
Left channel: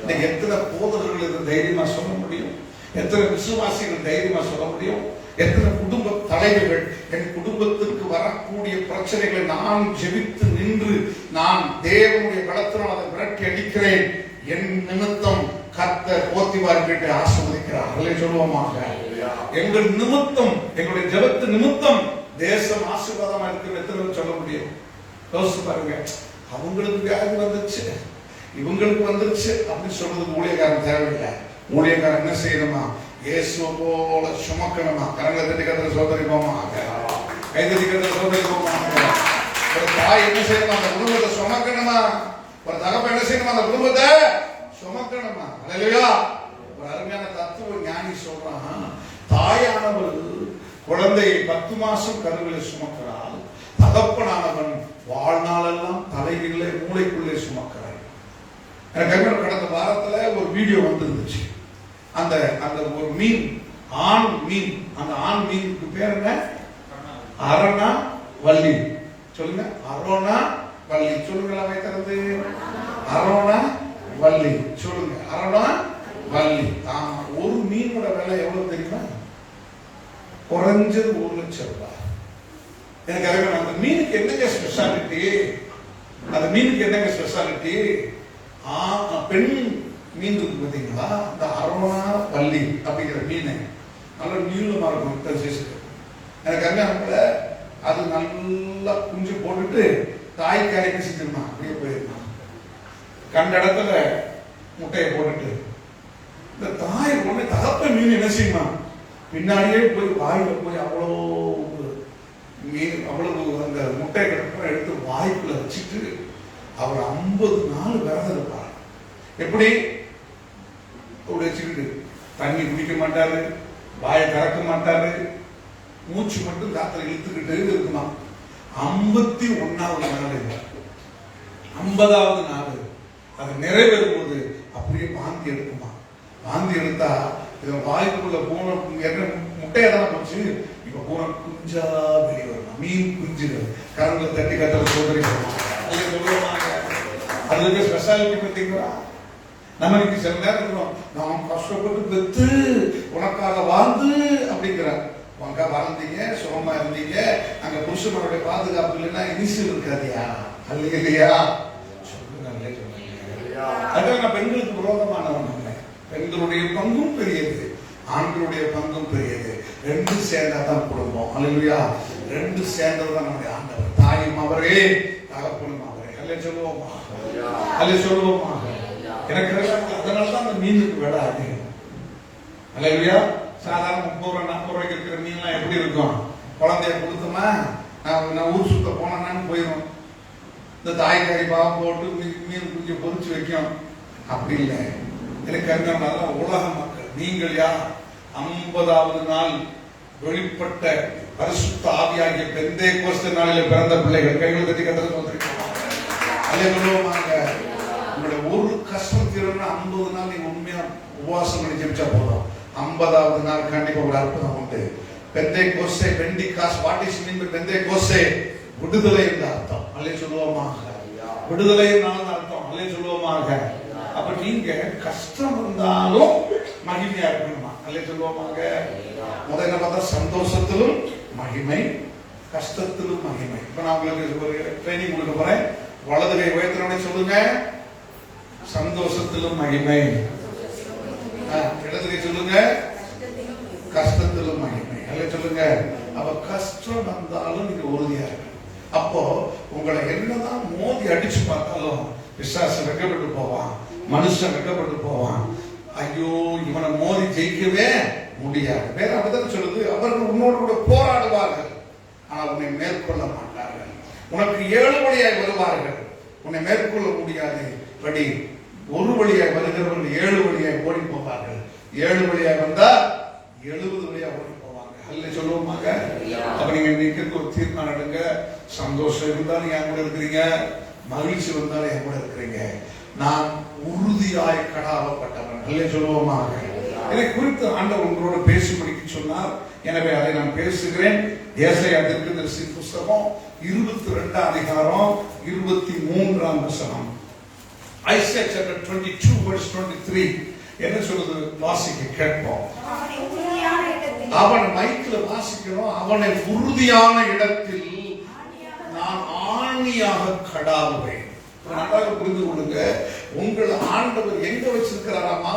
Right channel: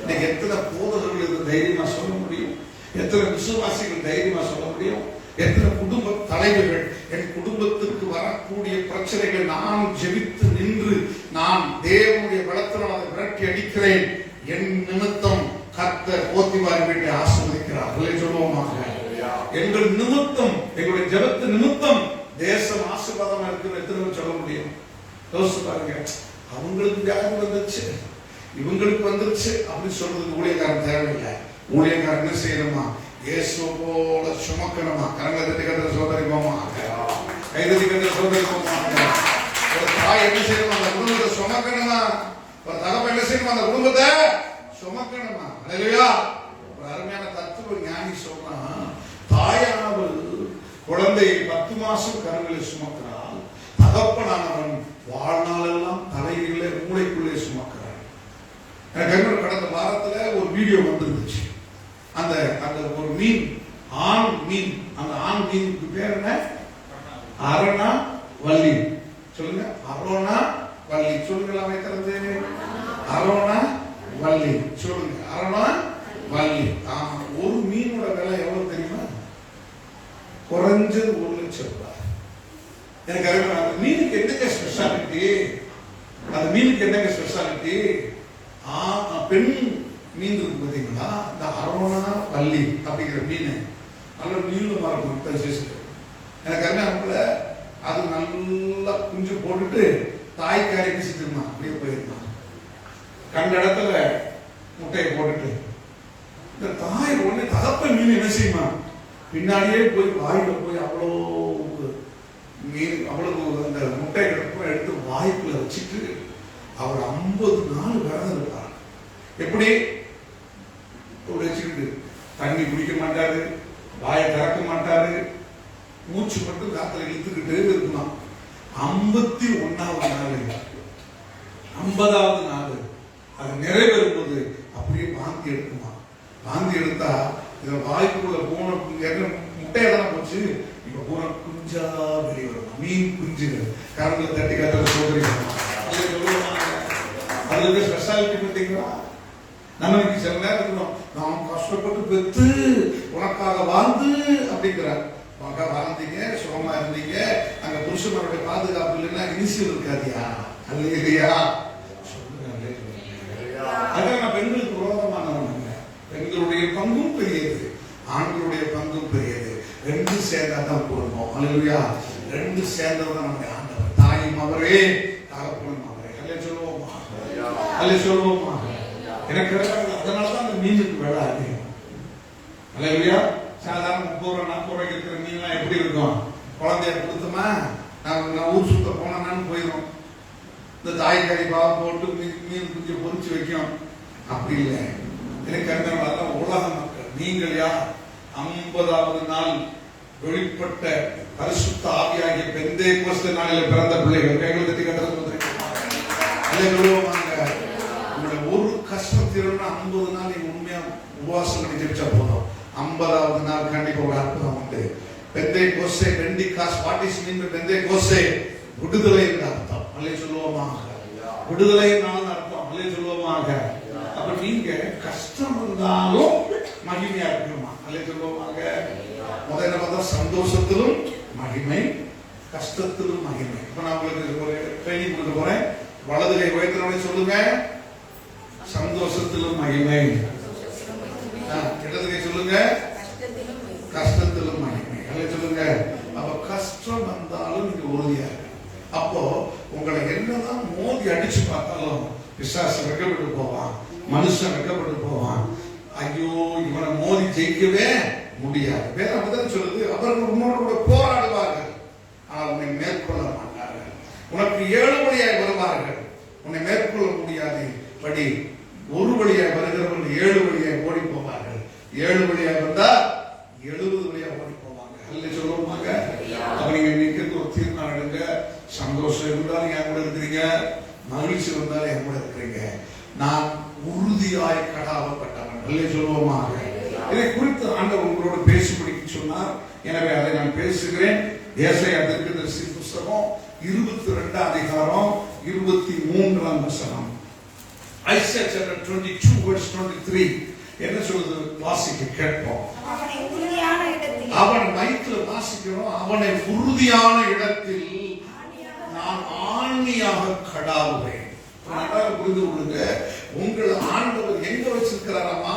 இன்னைக்கு எத்தனை போதகர்கள் இதை தைரியமா சொல்ல முடியும்? எத்தனை விசுவாசிகள் தைரியமா சொல்ல முடியும்? எத்தனை குடும்ப தலைவர்கள் என் குடும்பத்திற்கு வரக்கூடிய பிரச்சனைகளை நான் ஜெபித்து நின்று நான் தேவனுடைய பலத்தினால் அதை விரட்டி அடிக்கிறேன், என் நிமித்தம் கர்த்தர் போத்திபார் வீட்டை ஆசீர்வதிக்கிறார். அல்லே சொல்லுவோமாக. எங்கள் நிமித்தம், எங்களுடைய ஜெபத்து நிமித்தம் தேசம் ஆசீர்வாதமா இருக்கிற எத்தனை சொல்ல முடியும்? யோசிச்சு பாருங்க. அவங்களுக்கு வியாதி வந்துருச்சு, இவங்களுக்கு வந்துருச்சு அப்படின்னு சொல்றதுக்கு ஊழியக்காரன் தேவையில்லை. ஊழியக்காரன் என்ன செய்யணுமா? இயேசு போல சுமக்கணுமா? கரங்களை தட்டி கத்திர சோதரி போமாங்க, கைதட்டி கத்திர சோதரி போமாங்க. ஒரு தாய் என்ன செய்யணுமா? அந்த குடும்பத்தை சுமக்கணுமா? ஒரு தகப்ப என்ன செய்யணுமா? அந்த குடும்பத்தை சுமக்கணுமா? அல்லேலூயா. ஒரு அருமையான தத்துவ ஞானி சொல்றான், தாயானவள் குழந்தையை 10 மாசம் கருவிலே சுமக்கிறாள், தகப்பனானவன் வாழ்நாளெல்லாம் தலையிலே மூளைக்குள்ளே சுமக்கிறான். கடந்த வாரத்துல ஒரு வீடியோ வந்துருந்துச்சு. அந்த ஒரு மீன், ஆண் மீன், அந்த ஆண் மீனுக்கு பேர் என்ன? அரணா வள்ளி. சொல்லுங்க, அரோனா வள்ளி. சொல்லுங்களா வைக்கிறது? அரோனா வள்ளி. சொல்லுங்க, அரோனா வள்ளி. ஒரு மீனோட விலை எவ்வளவு தெரியுமா? குறைஞ்சது 1 லட்சம் ரூபாய். எனக்கு அந்த மீனுக்கு என்னங்க ஸ்பெஷாலிட்டி? அந்த மீனுக்கு என்னங்க ஸ்பெஷாலிட்டி? பெண் மீன் இருக்கு பார்த்தீங்களா, இந்த அரோனா வள்ளி அப்படிங்கிற மீன் நல்ல நீளமா இருக்கும். எனக்கு அருமையானப்ப அது நல்லா குஞ்சு போட்டுட்டு தாய்க்காரி பேசிட்டு அப்படியே போயிருந்தான். கண்ட இடத்துல முட்டையை போட்டுட்டு இந்த தாய் ஒண்ணு தகப்ப மீன் என்ன செய்யுமா? பின்னாடியே போய் வாயில போய் அவ்வளவு மீன், அவ்வளவு அந்த முட்டை கிடப்ப எடுத்து வாய்க்குள்ள வச்சுட்டு அவர் 50 நாள் விரதம் இருப்பார். எப்படி வச்சுக்கிட்டு தண்ணி குடிக்க மாட்டாரு, வாயை திறக்க மாட்டாரு, மூச்சு மட்டும் காத்துல இழுத்துக்கிட்டு இருக்கணும். 51வது நாள், 50வது நாள் அது நிறைவேறும் போது அப்படியே வாந்தி எடுக்குமா. வாந்தி எடுத்தா இதை வாய்ப்புக்குள்ள பூனை முட்டையை தானே போச்சு. இப்ப பூனை குஞ்சா வெளிவரும், மீன் குஞ்சுகள் கரங்களை தட்டி கத்தல சோதரி. அது ஸ்பெஷாலிட்டி பார்த்தீங்களா? நம்ம இன்னைக்கு சில நேரம் இருக்கிறோம், நாம் கஷ்டப்பட்டு பெற்று உனக்காக வாழ்ந்து அப்படிங்கிறார். உனக்கா வாழ்ந்தீங்க, சுகமா இருந்தீங்க, அங்க புருஷனுடைய பாதுகாப்பு இல்லைன்னா இனிஷியல் இருக்காதியா? அது இல்லையா? அதான் பெண்களுக்கு விரோதமானவன் இல்லை. பெண்களுடைய பங்கும் பெரியது, ஆண்களுடைய பங்கும் பெரியது. ரெண்டு சேர்ந்தாதான் குடும்பம். அல்லேலூயா. ரெண்டு சேர்ந்ததுதான் நம்முடைய ஆண்டவர். தாயும் அவரே, தகப்பனும் அவரே. அல்லே சொல்லுவோமா? அல்லே சொல்லுவோமா? எனக்கு அதனாலதான் அந்த மீனுக்கு விலை அதிகம். அல்லேலூயா. சாதாரண 30 ரூபா 40 ரூபாய்க்கு இருக்கிற மீன்லாம் எப்படி இருக்கும்? குழந்தைய கொடுத்தோமா, நான் ஊர் சுத்த போனான்னு போயிடும். இந்த தாய்க்காரி பாவம் போட்டு மீன் குஞ்சு பொறிச்சு வைக்கும். அப்படி இல்லை. எனக்கு அதான் உலக மக்கள். நீங்கள் யார்? 50வது நாள் வெளிப்பட்ட பரிசுத்த ஆவியாகிய பெந்தேகோஸ்தே நாளில் பிறந்த பிள்ளைகள். கைகள் கட்டி கட்டது வந்திருக்காங்க. உங்களுடைய ஒரு கஷ்டத்திற்கு 50 நாள் நீங்க உண்மையா உபவாசம் பண்ணி ஜெபிச்சா போதும். 50வது நாள் கண்டிப்பா ஒரு அற்புதம் உண்டு. பெந்தேகோஸ்தே, Pentecost. What is mean by பெந்தேகோஸ்தே? விடுதலை என்ற அர்த்தம். அல்லே சொல்லுவோமாக. விடுதலை என்றாலும் அர்த்தம். அல்லே சொல்லுவோமாக. அப்ப நீங்க கஷ்டம் இருந்தாலும் மகிமையா இருக்கணுமா? அல்லே சொல்லுவோமாக. முதல்ல பார்த்தா சந்தோஷத்திலும் மகிமை, கஷ்டத்திலும் மகிமை. இப்ப நான் உங்களுக்கு ஒரு ட்ரைனிங் கொடுக்க போறேன். வலது கை உயர்த்தினோட சொல்லுங்க, சந்தோஷத்திலும் மகிமை. இடது கை சொல்லுங்க, கஷ்டத்திலும் மகிமை. அல்லே சொல்லுங்க. அப்ப கஷ்டம் வந்தாலும் நீங்க உறுதியா இருக்கு. அப்போ உங்களை என்னதான் மோதி அடிச்சு பார்த்தாலும் பிசாசு வெக்கப்பட்டு போவான், மனுஷன் வெக்கப்பட்டு போவான். ஐயோ, இவனை மோதி ஜெயிக்கவே முடியாது. வேற அப்படிதான் சொல்லுது. அவர்கள் உன்னோடு கூட போராடுவார்கள், ஆனால் உன்னை மேற்கொள்ள மாட்டார்கள். உனக்கு 7 வழியாய் வருவார்கள், உன்னை மேற்கொள்ள முடியாது. படி ஒரு வழியாய் வருகிறவர்கள் 7 வழியாய் ஓடி போவார்கள். 7 வழியாய் வந்தா 70 வழியாய் ஓடி போவாங்க. அல்ல சொல்லுவோமாங்க. அப்ப நீங்க இன்னைக்கு ஒரு தீர்மானம் எடுங்க. சந்தோஷம் இருந்தாலும் என் கூட இருக்கிறீங்க, மகிழ்ச்சி இருந்தாலும் என் கூட இருக்கிறீங்க. நான் உறுதியாய் கடாவப்பட்டவன். அல்ல சொல்லுவோமாக. இதை குறித்து ஆண்டவர் உங்களோட பேசி முடிக்க சொன்னார். எனவே அதை நான் பேசுகிறேன். ஏசாயா தீர்க்கதரிசி புத்தகம் 22 அதிகாரம் 23 வசனம். Isaiah chapter 22 verse 23 என்ன சொல்றது? வாசிக்க கேட்போம். அவன் மைக்கில் வாசிக்கிறோம். அவனை உறுதியான இடத்தில் நான் ஆணியாக கடாவுவேன். நன்றாக புரிந்து கொள்ளுங்க. உங்களை ஆண்டவர் எங்க வச்சிருக்கிறாராமா?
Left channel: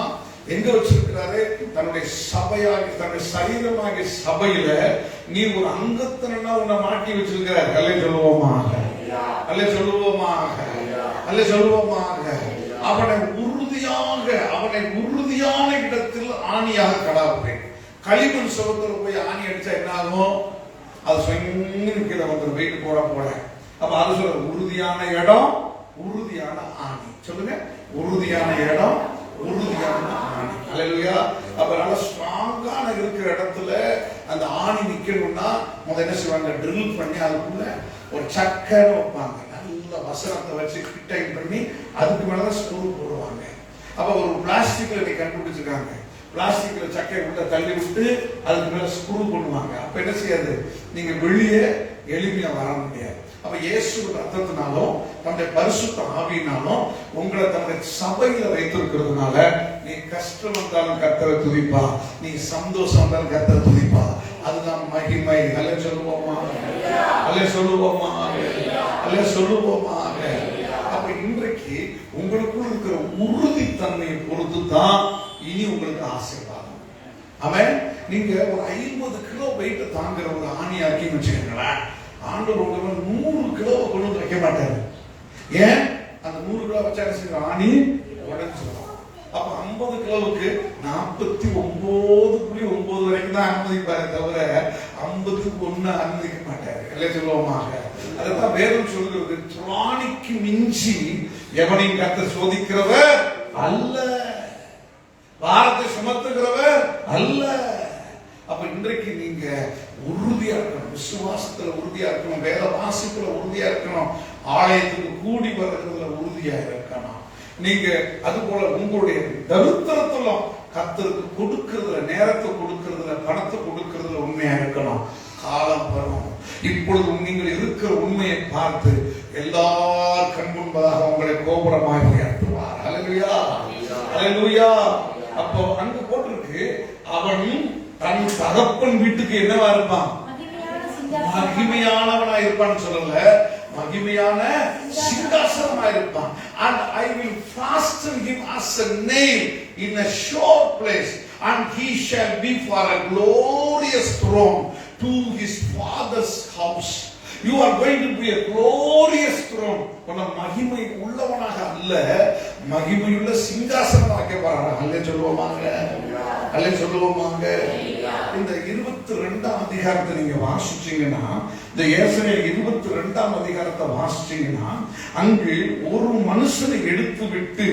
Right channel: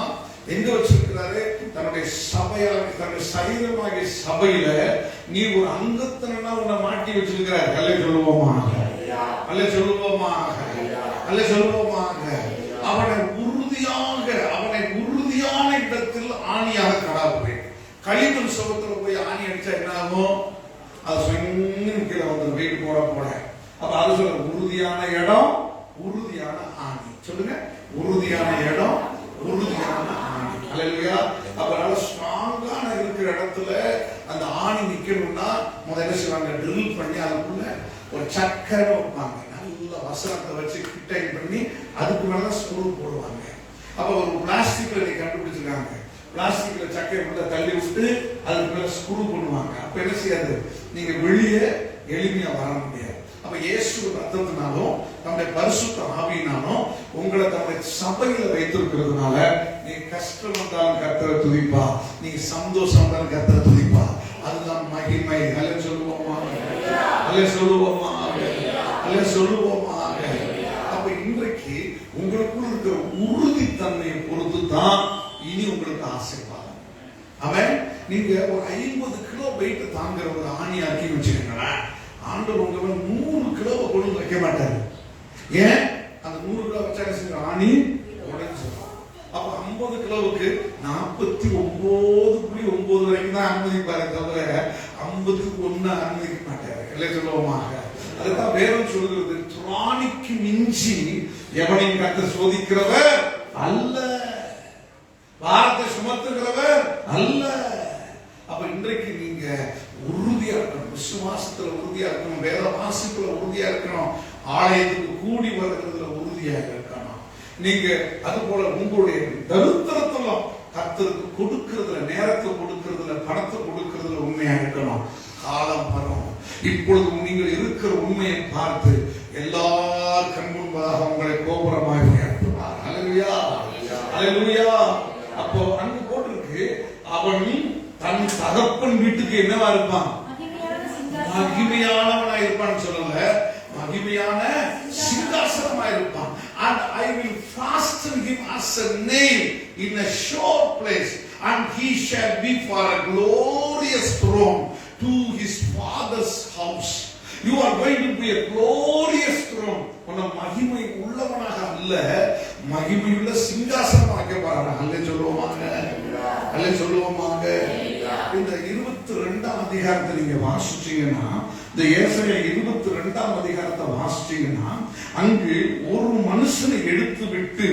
எங்க வச்சிருக்கிறாரு? தன்னுடைய சபையாக, தன்னுடைய சரீரமாகிய சபையில நீ ஒரு அங்கத்தினா உன்னை மாட்டி வச்சிருக்கிறார். அல்ல சொல்லுவோமாக. அல்ல சொல்லுவோமாக. அல்ல சொல்லுவோமாக. அவனை உறுதியான இடத்தில் ஆணியாக கடாவுவேன். களிமண் சுவத்துல போய் ஆணி அடிச்சா என்ன ஆகும்? அது சொங்கிற வந்து வெயிட் போட அப்ப அது சொல்ற உறுதியான இடம், உறுதியான ஆணி. சொல்லுங்க, உறுதியான இடம், உறுதியான ஆணி. அல்லேலூயா. அப்ப நல்ல ஸ்ட்ராங்கான இருக்கிற இடத்துல அந்த ஆணி நிக்கணும்னா முதல்ல என்ன செய்வாங்க? ட்ரில் பண்ணி அதுக்குள்ள ஒரு சக்கரை வைப்பாங்க. நல்ல வசனத்தை வச்சு கிட்டைன் பண்ணி அதுக்கு மேலதான் ஸ்க்ரூ போடுவாங்க. அப்ப ஒரு பிளாஸ்டிக்ல நீ கண்டுபிடிச்சிருக்காங்க. பிளாஸ்டிக்ல சக்கரை உள்ள தள்ளி விட்டு அதுக்கு மேல ஸ்க்ரூ பண்ணுவாங்க. அப்ப என்ன செய்யாது? நீங்க வெளியே எளிமையா வர முடியாது. அப்ப இயேசு ரத்தத்தினாலும் தம்முடைய பரிசுத்த ஆவியினாலும் உங்களை தம்முடைய சபையில வைத்திருக்கிறதுனால நீ கஷ்டம் வந்தாலும் கர்த்தரை துதிப்பா, நீ சந்தோஷம் வந்தாலும் கர்த்தரை துதிப்பா. அதுதான் மகிமை. அல்ல சொல்லுவோமா? அல்ல சொல்லுவோமா? அல்ல சொல்லுவோமா? அப்ப இன்றைக்கு உங்களுக்குள் இருக்கிற உறுதித்தன்மையை பொறுத்து தான் இனி உங்களுக்கு ஆசீர்வாதம். அவன் நீங்க ஒரு 50 கிலோ வெயிட் தாங்குற ஒரு ஆணியாக்கி வச்சுக்கீங்களேன், ஆண்டவர் உங்களை 100 கிலோ கொண்டு வைக்க மாட்டாரு. ஏன்? அந்த 100 கிலோ வச்சா ஆணி உடைஞ்சிடும். அப்ப 50 கிலோவுக்கு 49.9 வரைக்கும் தான் அனுமதிப்பாரு, தவிர 50க்கு அனுமதிக்க மாட்டாரு. இல்லை சொல்லுவோமாக. அதுதான் வேதம் சொல்கிறது, திராணிக்கு மிஞ்சி எவனையும் கர்த்தர் சோதிக்கிறவர் அல்ல, பாரத்தை சுமத்துகிறவர் அல்ல. அப்ப இன்றைக்கு நீங்க உறுதியா இருக்கணும், விசுவாசத்துல உறுதியா இருக்கணும், வேத வாசிப்புல உறுதியா இருக்கணும், ஆலயத்துக்கு கூடி வருகிறதுல உறுதியா இருக்கணும். நீங்க அது போல உங்களுடைய தரித்திரத்திலும் கர்த்தருக்கு கொடுக்கிறதுல, நேரத்தை கொடுக்கிறதுல, பணத்தை கொடுக்கிறதுல உண்மையா இருக்கணும். காலம் வரும், இப்பொழுது நீங்கள் இருக்கிற உண்மையை பார்த்து எல்லார் கண் முன்பதாக உங்களை கோபுரமாய் உயர்த்துவார். அல்லேலூயா, அல்லேலூயா. அப்போ அங்கு போட்டிருக்கு, அவன் தன் தகப்பன் வீட்டுக்கு என்னவா இருப்பான்? மகிமையானவனா இருப்பான்னு சொல்லல, மகிமையான சிங்காசனமா இருப்பான். And I will fasten him as a nail in a sure place, and he shall be for a glorious throne to his father's house. You are going to be a glorious throne. உன்னை மகிமை உள்ளவனாக அல்ல, மகிமையுள்ள சிங்காசனம் வைக்க போறாங்க. அல்லே சொல்லுவோமாங்க, அல்லே சொல்லுவோமாங்க. இந்த 22ஆம் அதிகாரத்தை நீங்க வாசிச்சீங்கன்னா, இந்த ஏசாயா 22ஆம் அதிகாரத்தை வாசிச்சீங்கன்னா, அங்கு ஒரு மனுஷனை எடுத்து விட்டு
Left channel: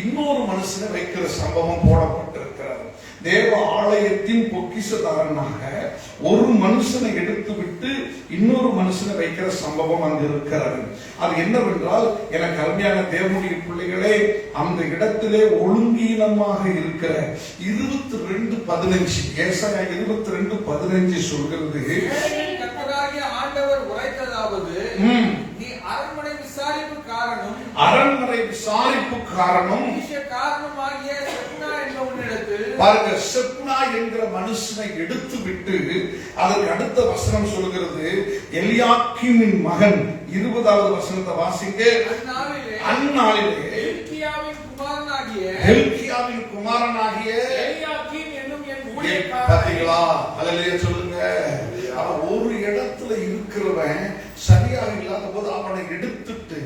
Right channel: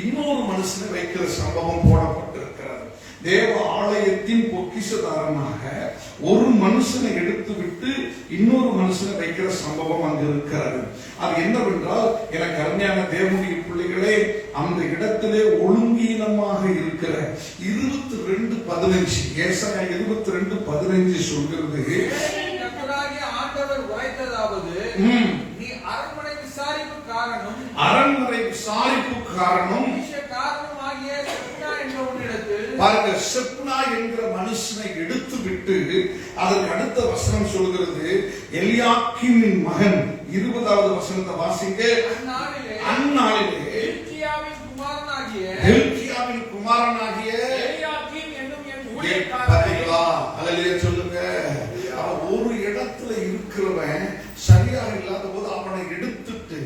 இன்னொரு மனுஷனை வைக்கிற சம்பவம் போடப்பட்டிருக்கிறது. தேவ ஆலயத்தின் பொக்கிஷதாரனாக ஒரு மனுஷனை எடுத்து விட்டு இன்னொரு மனுஷனை வைக்கிற சம்பவம் அங்கு இருக்கிறது. அது என்னவென்றால், எனக்கு அருமையான தேவனுடைய பிள்ளைகளே, அந்த இடத்திலே ஒழுங்கீனமாக இருக்கிற 22:15 ஏசாயா 22:15 சொல்கிறது, ஆண்டவர் உரைத்ததாவது, நீ அரண்மனை விசாரிப்பு காரணம், அரண்மனை விசாரிப்பு காரணம் காரணமாகிய செப்னா என்பவனிடத்தில், பாருங்க, செப்னா என்கிற மனுஷனை எடுத்து விட்டு அதற்கு அடுத்த வசனம் சொல்கிறது, எலியாக்கீமின் மகன் 20வது வசனத்தை வாசிங்க. அந்நாளிலே ஹில்கியாவின் குமாரனாகிய எலியாக்கீம் என்னும் என் ஊழியக்காரன். பாத்தீங்களா? அல்லேலூயா சொல்லுங்க. அவன் ஒரு இடத்துல இருக்கிறவன் சரியாக இல்லாத போது அவனை எடுத்துட்டு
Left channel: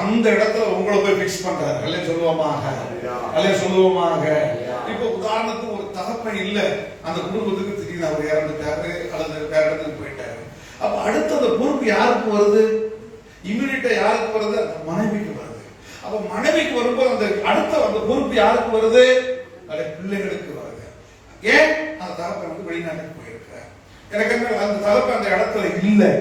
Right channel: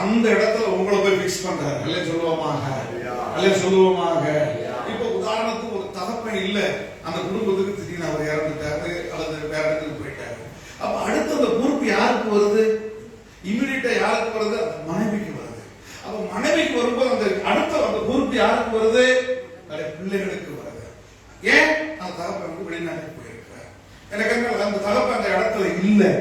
அந்த இடத்துல உங்களை போய் பிக்ஸ் பண்றாரு. அல்லே சொல்லுவோமாக, அல்லே சொல்லுவோமாக. இப்ப உதாரணத்துக்கு ஒரு தகப்பன் இல்ல, அந்த குடும்பத்துக்கு திடீர்னு அவர் இறந்துட்டாரு அல்லது வேற இடத்துக்கு போயிட்டாரு. அப்ப அடுத்த அந்த பொறுப்பு யாருக்கு வருது? இம்யூனிட்டா யாருக்கு வருது? அந்த மனைவிக்கு வருது. அப்ப மனைவிக்கு வரும்போது அந்த அடுத்த அந்த பொறுப்பு யாருக்கு வருது? பிள்ளைகளுக்கு வருது. ஏன்? அந்த தகப்பன் வந்து வெளிநாட்டுக்கு போயிருக்காரு. எனக்கு அந்த தகப்பன் அந்த இடத்துல இல்லை.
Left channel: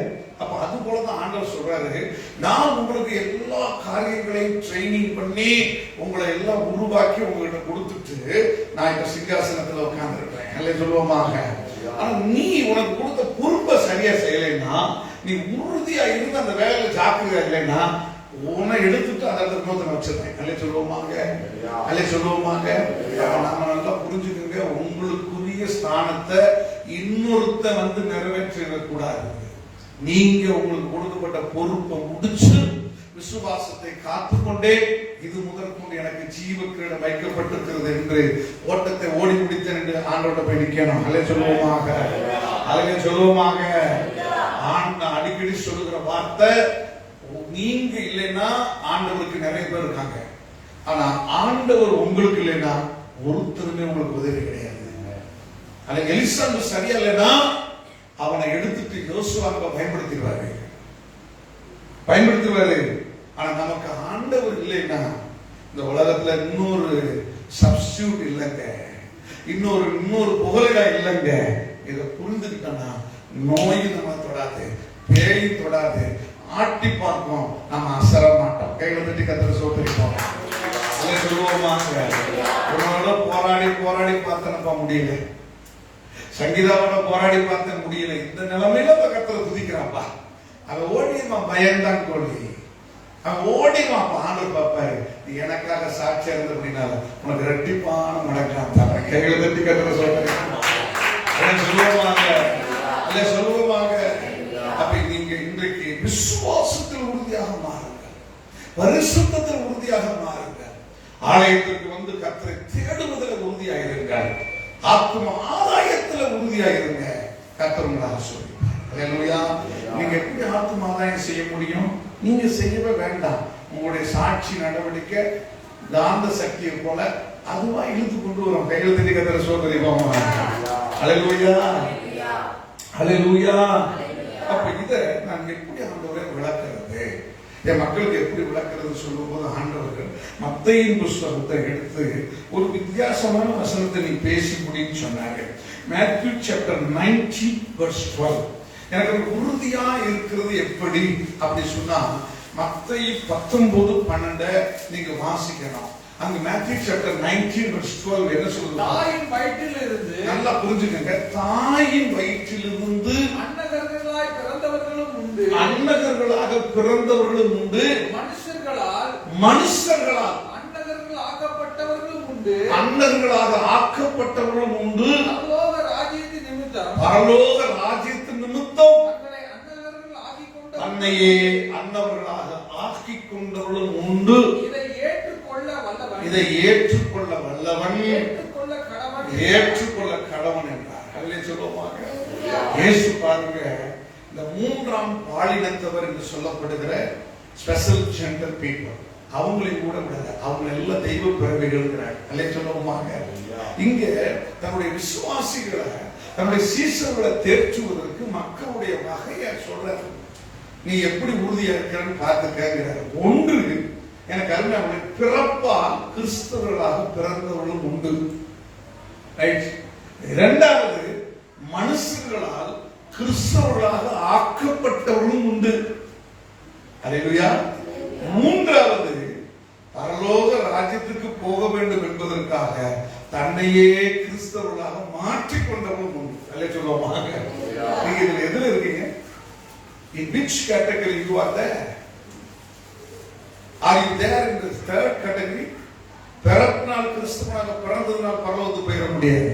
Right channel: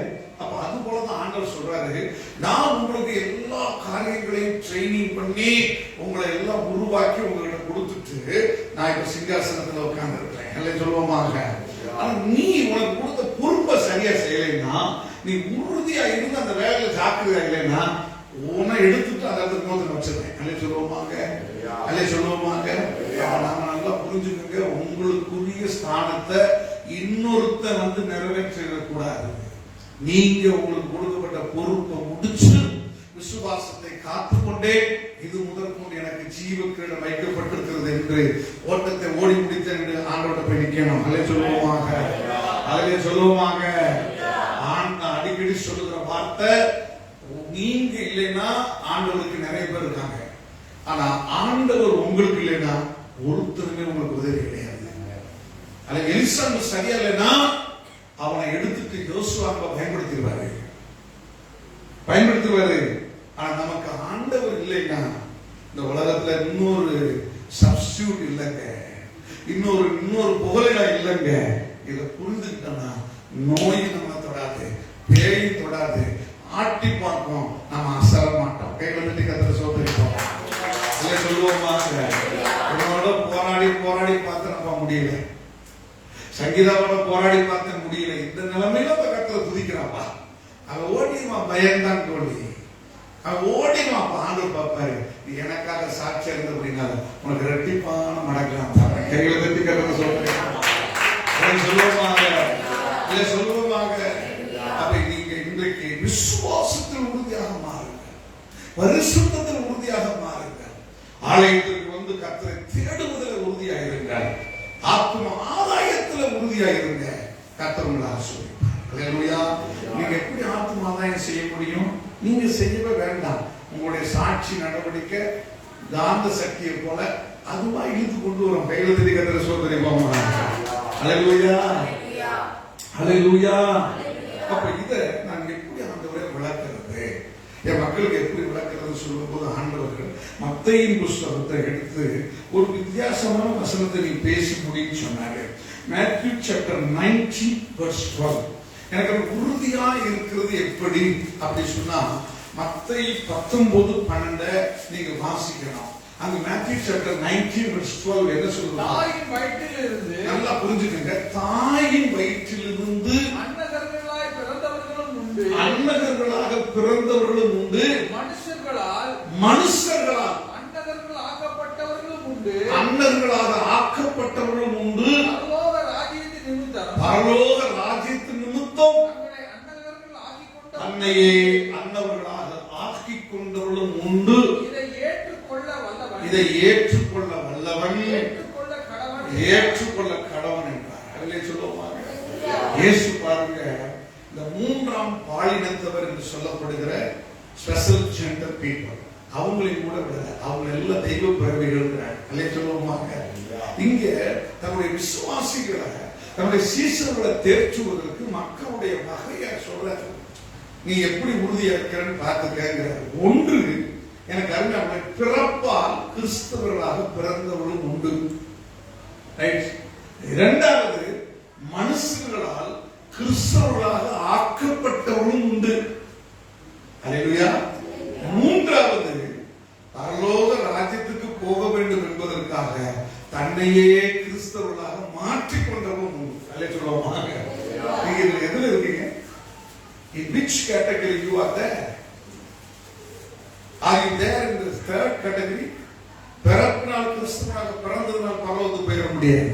அப்ப அது போலதான் ஆண்டவர் சொல்றாரு, நான் உங்களுக்கு எல்லா காரியங்களையும் ட்ரைனிங் பண்ணி உங்களை எல்லாம் உருவாக்கி உங்ககிட்ட கொடுத்துட்டு நான் இப்ப சிங்காசனத்துல உட்கார்ந்து இருக்கிறேன். அல்லே சொல்லுவோமாக. ஆனா நீ உனக்கு கொடுத்த பொறுப்பை சரியா செய்யலைன்னா, நீ உறுதியா இருந்து அந்த வேலையில ஜாக்கிரதையா இல்லைன்னா, உன்னை எடுத்துட்டு அந்த இடத்துல நோக்கி வச்சிருக்கேன். அல்லே சொல்லுவோமாக, அல்லே சொல்லுவோமாக. நாம நல்லா புரிஞ்சுக்கோங்க, உங்களுக்குரிய ஸ்தானத்தை இன்னொருத்த வந்து நிறைவேற்ற கூடாது. நீங்க உங்களுக்கு கொடுக்கப்பட்ட பொறுப்பை முடிச்சு விசுவாசத்தை காத்துக்கொண்டே, இது முதற்கொண்டு எனக்கு ஜீவ கிரீடம் வைக்கப்பட்டிருக்கிறது என்று ஓட்டத்தை ஓடி முடித்தேன் என்று ஆண்டோட போய் நிக்கணும். அல்லே சொல்லுவோமாக, அல்லே சொல்லுவோமாக. அடிக்கடி சொல்லுகிற வார்த்தை, நீங்க இல்லைன்னா ஆண்டவருக்கு நிறைய பேர் இருக்காங்க, ஆனா ஆண்டவர் உங்களுக்கு இல்லைன்னா ஒருத்தருமே உங்களுக்கு உதவி கிடையாது. அல்ல எலிசா சரியா இல்லைன்னா அவனை எடுத்துட்டு யோசுவாவை பயன்படுத்திடுவாரு. ஆனா நமக்கு ஆண்டவர் இல்லைன்னா இந்த உலகத்துல இன்னொரு சப்ஸ்டியூட் இல்லைங்க, இன்னொரு புகழிடா இல்லைங்க. இதை புரிந்துக்கிட்டோம்னா நோய் நம்ம தொடாது, பேய் தொடாது, ஆட்டி பார்ப்போம், நம்ம அசர மாட்டோம். கையில தட்டி கத்திர சோதரிப்போம். சொல்லுவோமா? உன்னோட போராடி பார்த்து நம்ம முடியல, சங்கீதாவோட போராடி பார்த்த முடியல. இந்த நிலைமையில கத்தரை துதிக்கிறாப்பா. அவன் ஓடிடுவான், பயந்தான் கோழி. அவன் ஓடிடுவான். ஆண்டு பாப்பாரு, நீ எனக்காக சாட்சியா இருந்த அப்படின்னா உனக்கு ரெட்டிப்பான மடக்கலாம் தரேன். கையில தட்டி கத்தரை சொல்லுவாங்க, சொல்லுவாங்க. அப்ப நீங்க இன்றைக்கு விசுவாசத்தில் உறுதியாக மாறுங்க, பரிசுத்தத்தில் உறுதியாக மாறுங்க, ஆலயத்திற்கு வந்து கத்தரை தேடுவதில் உறுதியாக இருங்க, ஆத்ம ஆதாயத்துல உறுதியாயிருங்க. கர்த்தர் உங்களை ஆசீர்வதிப்பார். அல்லேலூயா. நீங்க எப்படி ஆத்ம ஆதாயம் செய்ய முடியும்? நீங்க செய்யவே வேண்டாம். உங்களுடைய சாட்சி நடவடிக்கை காந்த சக்தியை போல அதுவா இழுத்து கொண்டு வரும். கையில் தட்டி கர்த்தரை சோதரிப்போம். அல்லேலூயா, அல்லேலூயா. அப்ப இதை நான் எப்படி ஆண்டவரை விளக்குறது, என் மக்களுக்கு எப்படி விளக்குறது சொல்லும்போது ஆண்டவர்கள் மத்தேயின் புஸ்தகத்தை எடுத்து ஒரு வித்தியாசமான வசனத்தை நீ பேசி முடின்னு சொன்னாரு. Matthew chapter 19:12. எனக்கு உறுதியா இருக்கிறது எப்படி அப்படி சொன்னா, மத்தேயு 19:12 நீங்க வாசிக்கணும். அங்க மேத்யூ சாப்டர் 19 verse 12 என்ன சொல்லுது? தாயின் வயிற்றில் இருந்து நல்லா புரிஞ்சுக்கங்க. தாயின் வயிற்றிலிருந்து அன்னகர்களாய் பிறந்தவர்களும் உண்டு, அன்னகர்களாக பிறந்தவர்களும் உண்டு, மனுஷர்களால் அன்னகர்கள் ஆக்கப்பட்டவர்களும் உண்டு, அன்னர்களாக ஆக்கப்பட்டவர்களும் உண்டு. பரலோக ராஜ்யத்தின் நிமித்தம் பரலோக ராஜ்யத்தின் நிமித்தம் தங்களை அன்னகர்கள் ஆக்கிக் கொண்ட தன்னையே அன்னவர்களாக ஆக்கிக் கொண்டவர்களும் உண்டு. இதை ஏற்றுக்கொள்ள வல்லவன், இதை ஏற்றுக்கொள்ள வல்லவன், ஏற்றுக்கொள்ள கடவன் என்றார். அதிலே சொல்லுவாங்க இயேசு பாருங்க, இந்த மூன்றாம் பாலினத்தவர் என்று சொல்லப்படுகிற ஸ்பெஷல் ஜெண்டர் பீப்புள், அவங்களையும் கூட விடல, அவங்க எல்லாம் தெய்வ பிறவிகள் அல்லே சொல்லுவாங்க. இங்க தன்னுடைய விசுவாசிகளை, தன்னுடைய சீசர்களை தேர்ச்சுவதற்கு மக்களுடைய வகையா சொல்றாரு. நீ எப்படி உறுதியா இருக்கிறன்னு பார்த்துக்கிறார். ஒன்று, எனக்கு அருமை, பிறப்பால் கிறிஸ்தவர்களாக பிறந்தவர்களும் உண்டு. ரைட். இரண்டாவது, மனுஷர்களால் கிறிஸ்தவர்களாக ஆக்கப்பட்டவர்களும் உண்டு. அல்லேலூயா. மூன்றாவது, பரலோக ராஜ்யத்துக்கு போக வேண்டும் என்பதற்காக தன்னையே கிறிஸ்தவர்களாக மாற்றிக்கொண்டவர்களும் உண்டு. அல்லே சொல்லுவாங்க. நீங்க இதுல எதுல இருக்கீங்க? In which category you are there? Are you there in the third category? பிறப்பினால் கிறிஸ்தவனாக பிறந்ததுனால் பரலோகத்துக்கு போயிட முடியாது.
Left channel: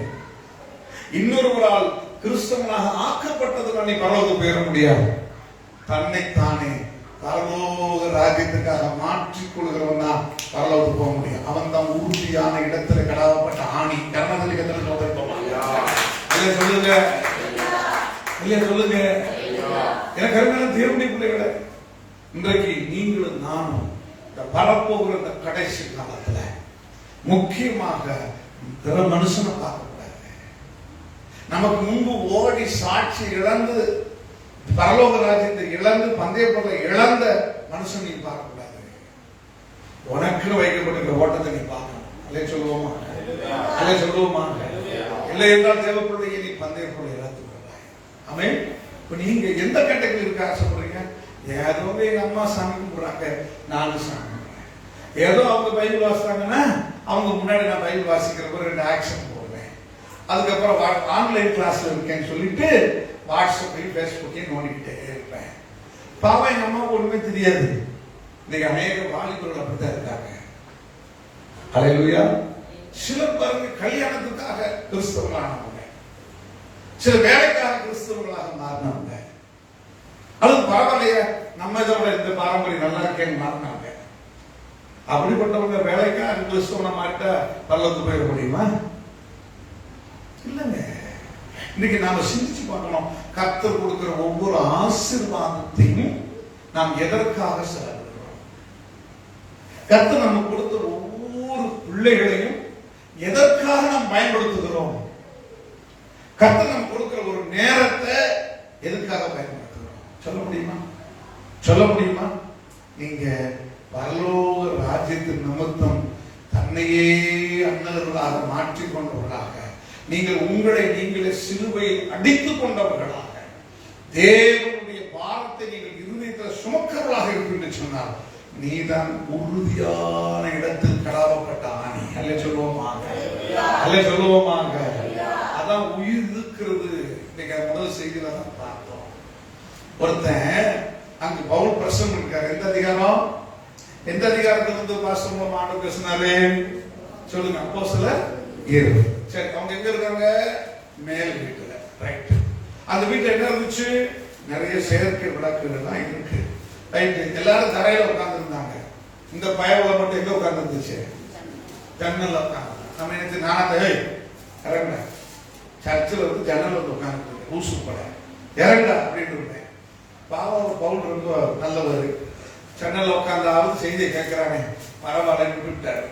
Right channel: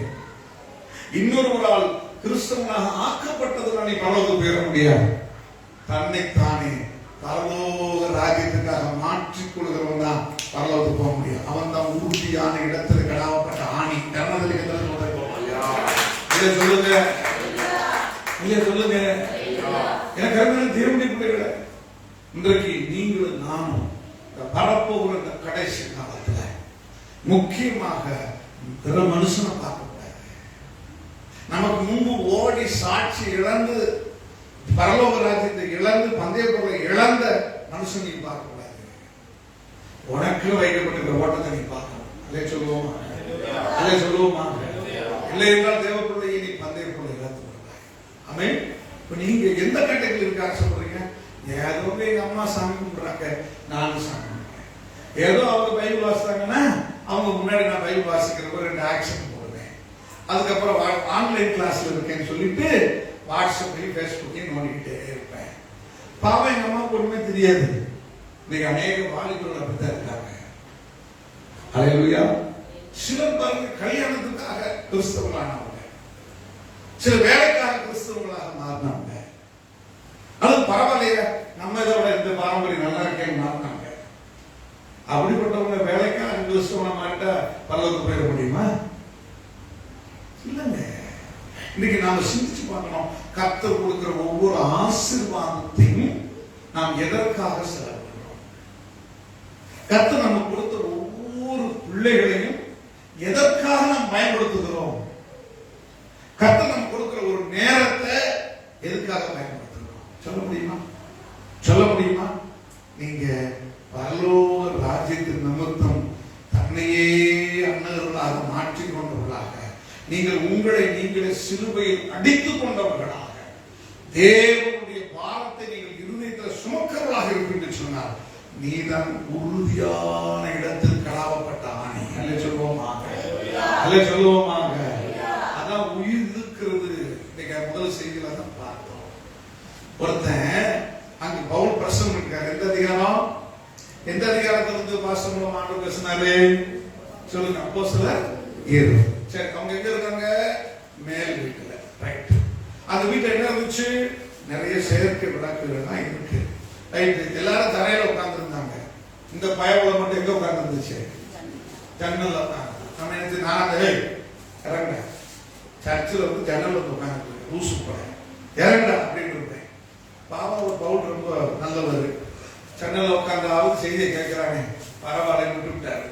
இன்னொருவரால் கிறிஸ்தவனாக ஆக்கப்பட்டதுனால் நீ பரலோகத்துக்கு போயிட முடியாது. தன்னைத்தானே பரலோக ராஜ்யத்துக்காக மாற்றிக் கொள்கிறவன் தான் பரலோகத்துக்கு போக முடியும். அவன் தான் உறுதியான இடத்துல கடாவப்பட்ட ஆணி. கர்மதலிகத்தில் இதை சொல்லுங்க, இல்லையா சொல்லுங்க. எனக்கு அருமையான தேவனுடைய பிள்ளைகளே, இன்றைக்கு நீங்களும் நானும் வரப்போகிற இந்த கடைசி காலத்துல முக்கியமாக பிற மனுஷனை பார்க்கக்கூடாது. நமக்கு முன்பு ஓடி சாட்சி இழந்து பரலோக ராஜ்யத்தை இழந்து பந்தய பொருளை இழந்த மனுஷன் நீ பார்க்கக்கூடாது. உனக்கு வைக்கப்பட்ட ஓட்டத்தை நீ பார்க்கணும். அல்லே சொல்லுவோமா? அல்லே சொல்லுவோமா? இல்லை என்றால் தேவ பிள்ளையை நீ பந்தய பொருளை இழந்து கொள்ளாய். ஆமென். இப்ப நீங்க எந்த கட்டத்தில் இருக்க ஆசைப்படுறீங்க? ஏதோ எங்க அம்மா சாமி கும்பிடுறாங்க, நானும் சாமி கும்பிடுறேன். ஏதோ அவங்க பைபிள் வாசித்தாங்கன்னா அவங்க முன்னாடி நான் பைபிள் வாசிக்கிறப்ப 2 ஆக்ஷன் போடுவேன். அதுக்கப்புறம் ஆன்லைன் கிளாஸ்ல இருக்கேன்னு சொல்லிட்டு வாட்ஸ்அப்லையும் பேஸ்புக்கையும் நோண்டிக்கிட்டே இருப்பேன். பாவம் எங்க அம்மாவுக்கு ஒண்ணுமே தெரியாது. இன்னைக்கு அநேக வாலிபர்கள் அப்படித்தான் இருக்காங்க. ஹல்லேலூயா. சிலர் பாருங்க கல்யாணத்துக்காக கிறிஸ்தவங்களானவங்க, சில வேலைக்காக கிறிஸ்தவங்களாக மாறினாங்க. அது பரவாயில்லையா, நம்ம இதோட இந்த பாரம்பரியம் நல்லா இருக்கேன்னு மாறினாங்க. அப்படிப்பட்டவங்க வேலைக்காக கிறிஸ்தவனை மாறிட்டா பரலோகத்துக்கு போயிட முடியுமா? இல்லைங்க. இன்னைக்கு நாம சிந்திச்சு பார்க்கணும். கர்த்தர் கொடுக்கிற ஒவ்வொரு ஆசீர்வாதத்தையும் நாம் எதற்காக செலவிடுகிறோம்? கர்த்தர் நமக்கு கொடுத்த ஒவ்வொரு பிள்ளைகளையும் எதற்காக நாம் பயன்படுத்துகிறோம்? கர்த்தர் நமக்கு கொடுக்கிற ஒரு நேரத்தை எதுக்காக பயன்படுத்துகிறோம்? சொல்ல முடியுமா? சொல்ல முடியுமா? நீங்க பரலோக ராஜ்யத்தின் நிமித்தம் தன்னையே அன்னர்களாக மாற்றிக் கொண்டவர்களாக, நீங்கள் உங்களை நீங்களே சிலுவையில் அடித்துக் கொண்டவர்களாக, தேவனுடைய பாரத்தை நீங்கள் இருதயத்தில் சுமக்கிறவர்களாக இருப்பீர்கள் சொன்னால் நீதான் உறுதியான இடத்தில் கடாவப்பட்ட ஆணி. அல்ல சொல்லுவோமாக, அல்ல சொல்லுவோமாக. அதான் உயிர் இருக்கிறது. இன்னைக்கு முதல் செய்தியில தான் பார்த்தோம். ஒருத்தன் அங்கு பவுல் பிரசங்கம் இருக்காரு. எந்த அதிகாரம்? எந்த அதிகாரத்திலிருந்து பாசம் ஆண்டு பேசினாரு சொல்லுங்க. அப்போஸ்தலர் 7. சரி, அவங்க எங்க இருக்காங்க? மேல் வீட்டுல. ரைட். அந்த வீட்டுல என்ன இருந்துச்சு? நிறைய செயற்கை விளக்குகள்லாம் இருக்கு. ரைட். எல்லாரும் தரையில உட்கார்ந்து இருந்தாங்க. இந்த பயவுல மட்டும் எங்க உட்கார்ந்து இருந்துச்சு? ஜன்னல்ல உட்கார்ந்து. நம்ம நினைச்சு நானா இறங்குறேன். சர்ச்சில் வந்து ஜன்னல் வந்து உட்கார்ந்து ஊசு பட இறங்குடா அப்படின்னு இருப்பேன். பாவம் ஒரு பவுல் ரொம்ப நல்லவர். ஜன்னல்ல உட்கார்ந்து செய்தியை கேட்கிறாங்க, பரவாயில்லன்னு விட்டுட்டாரு.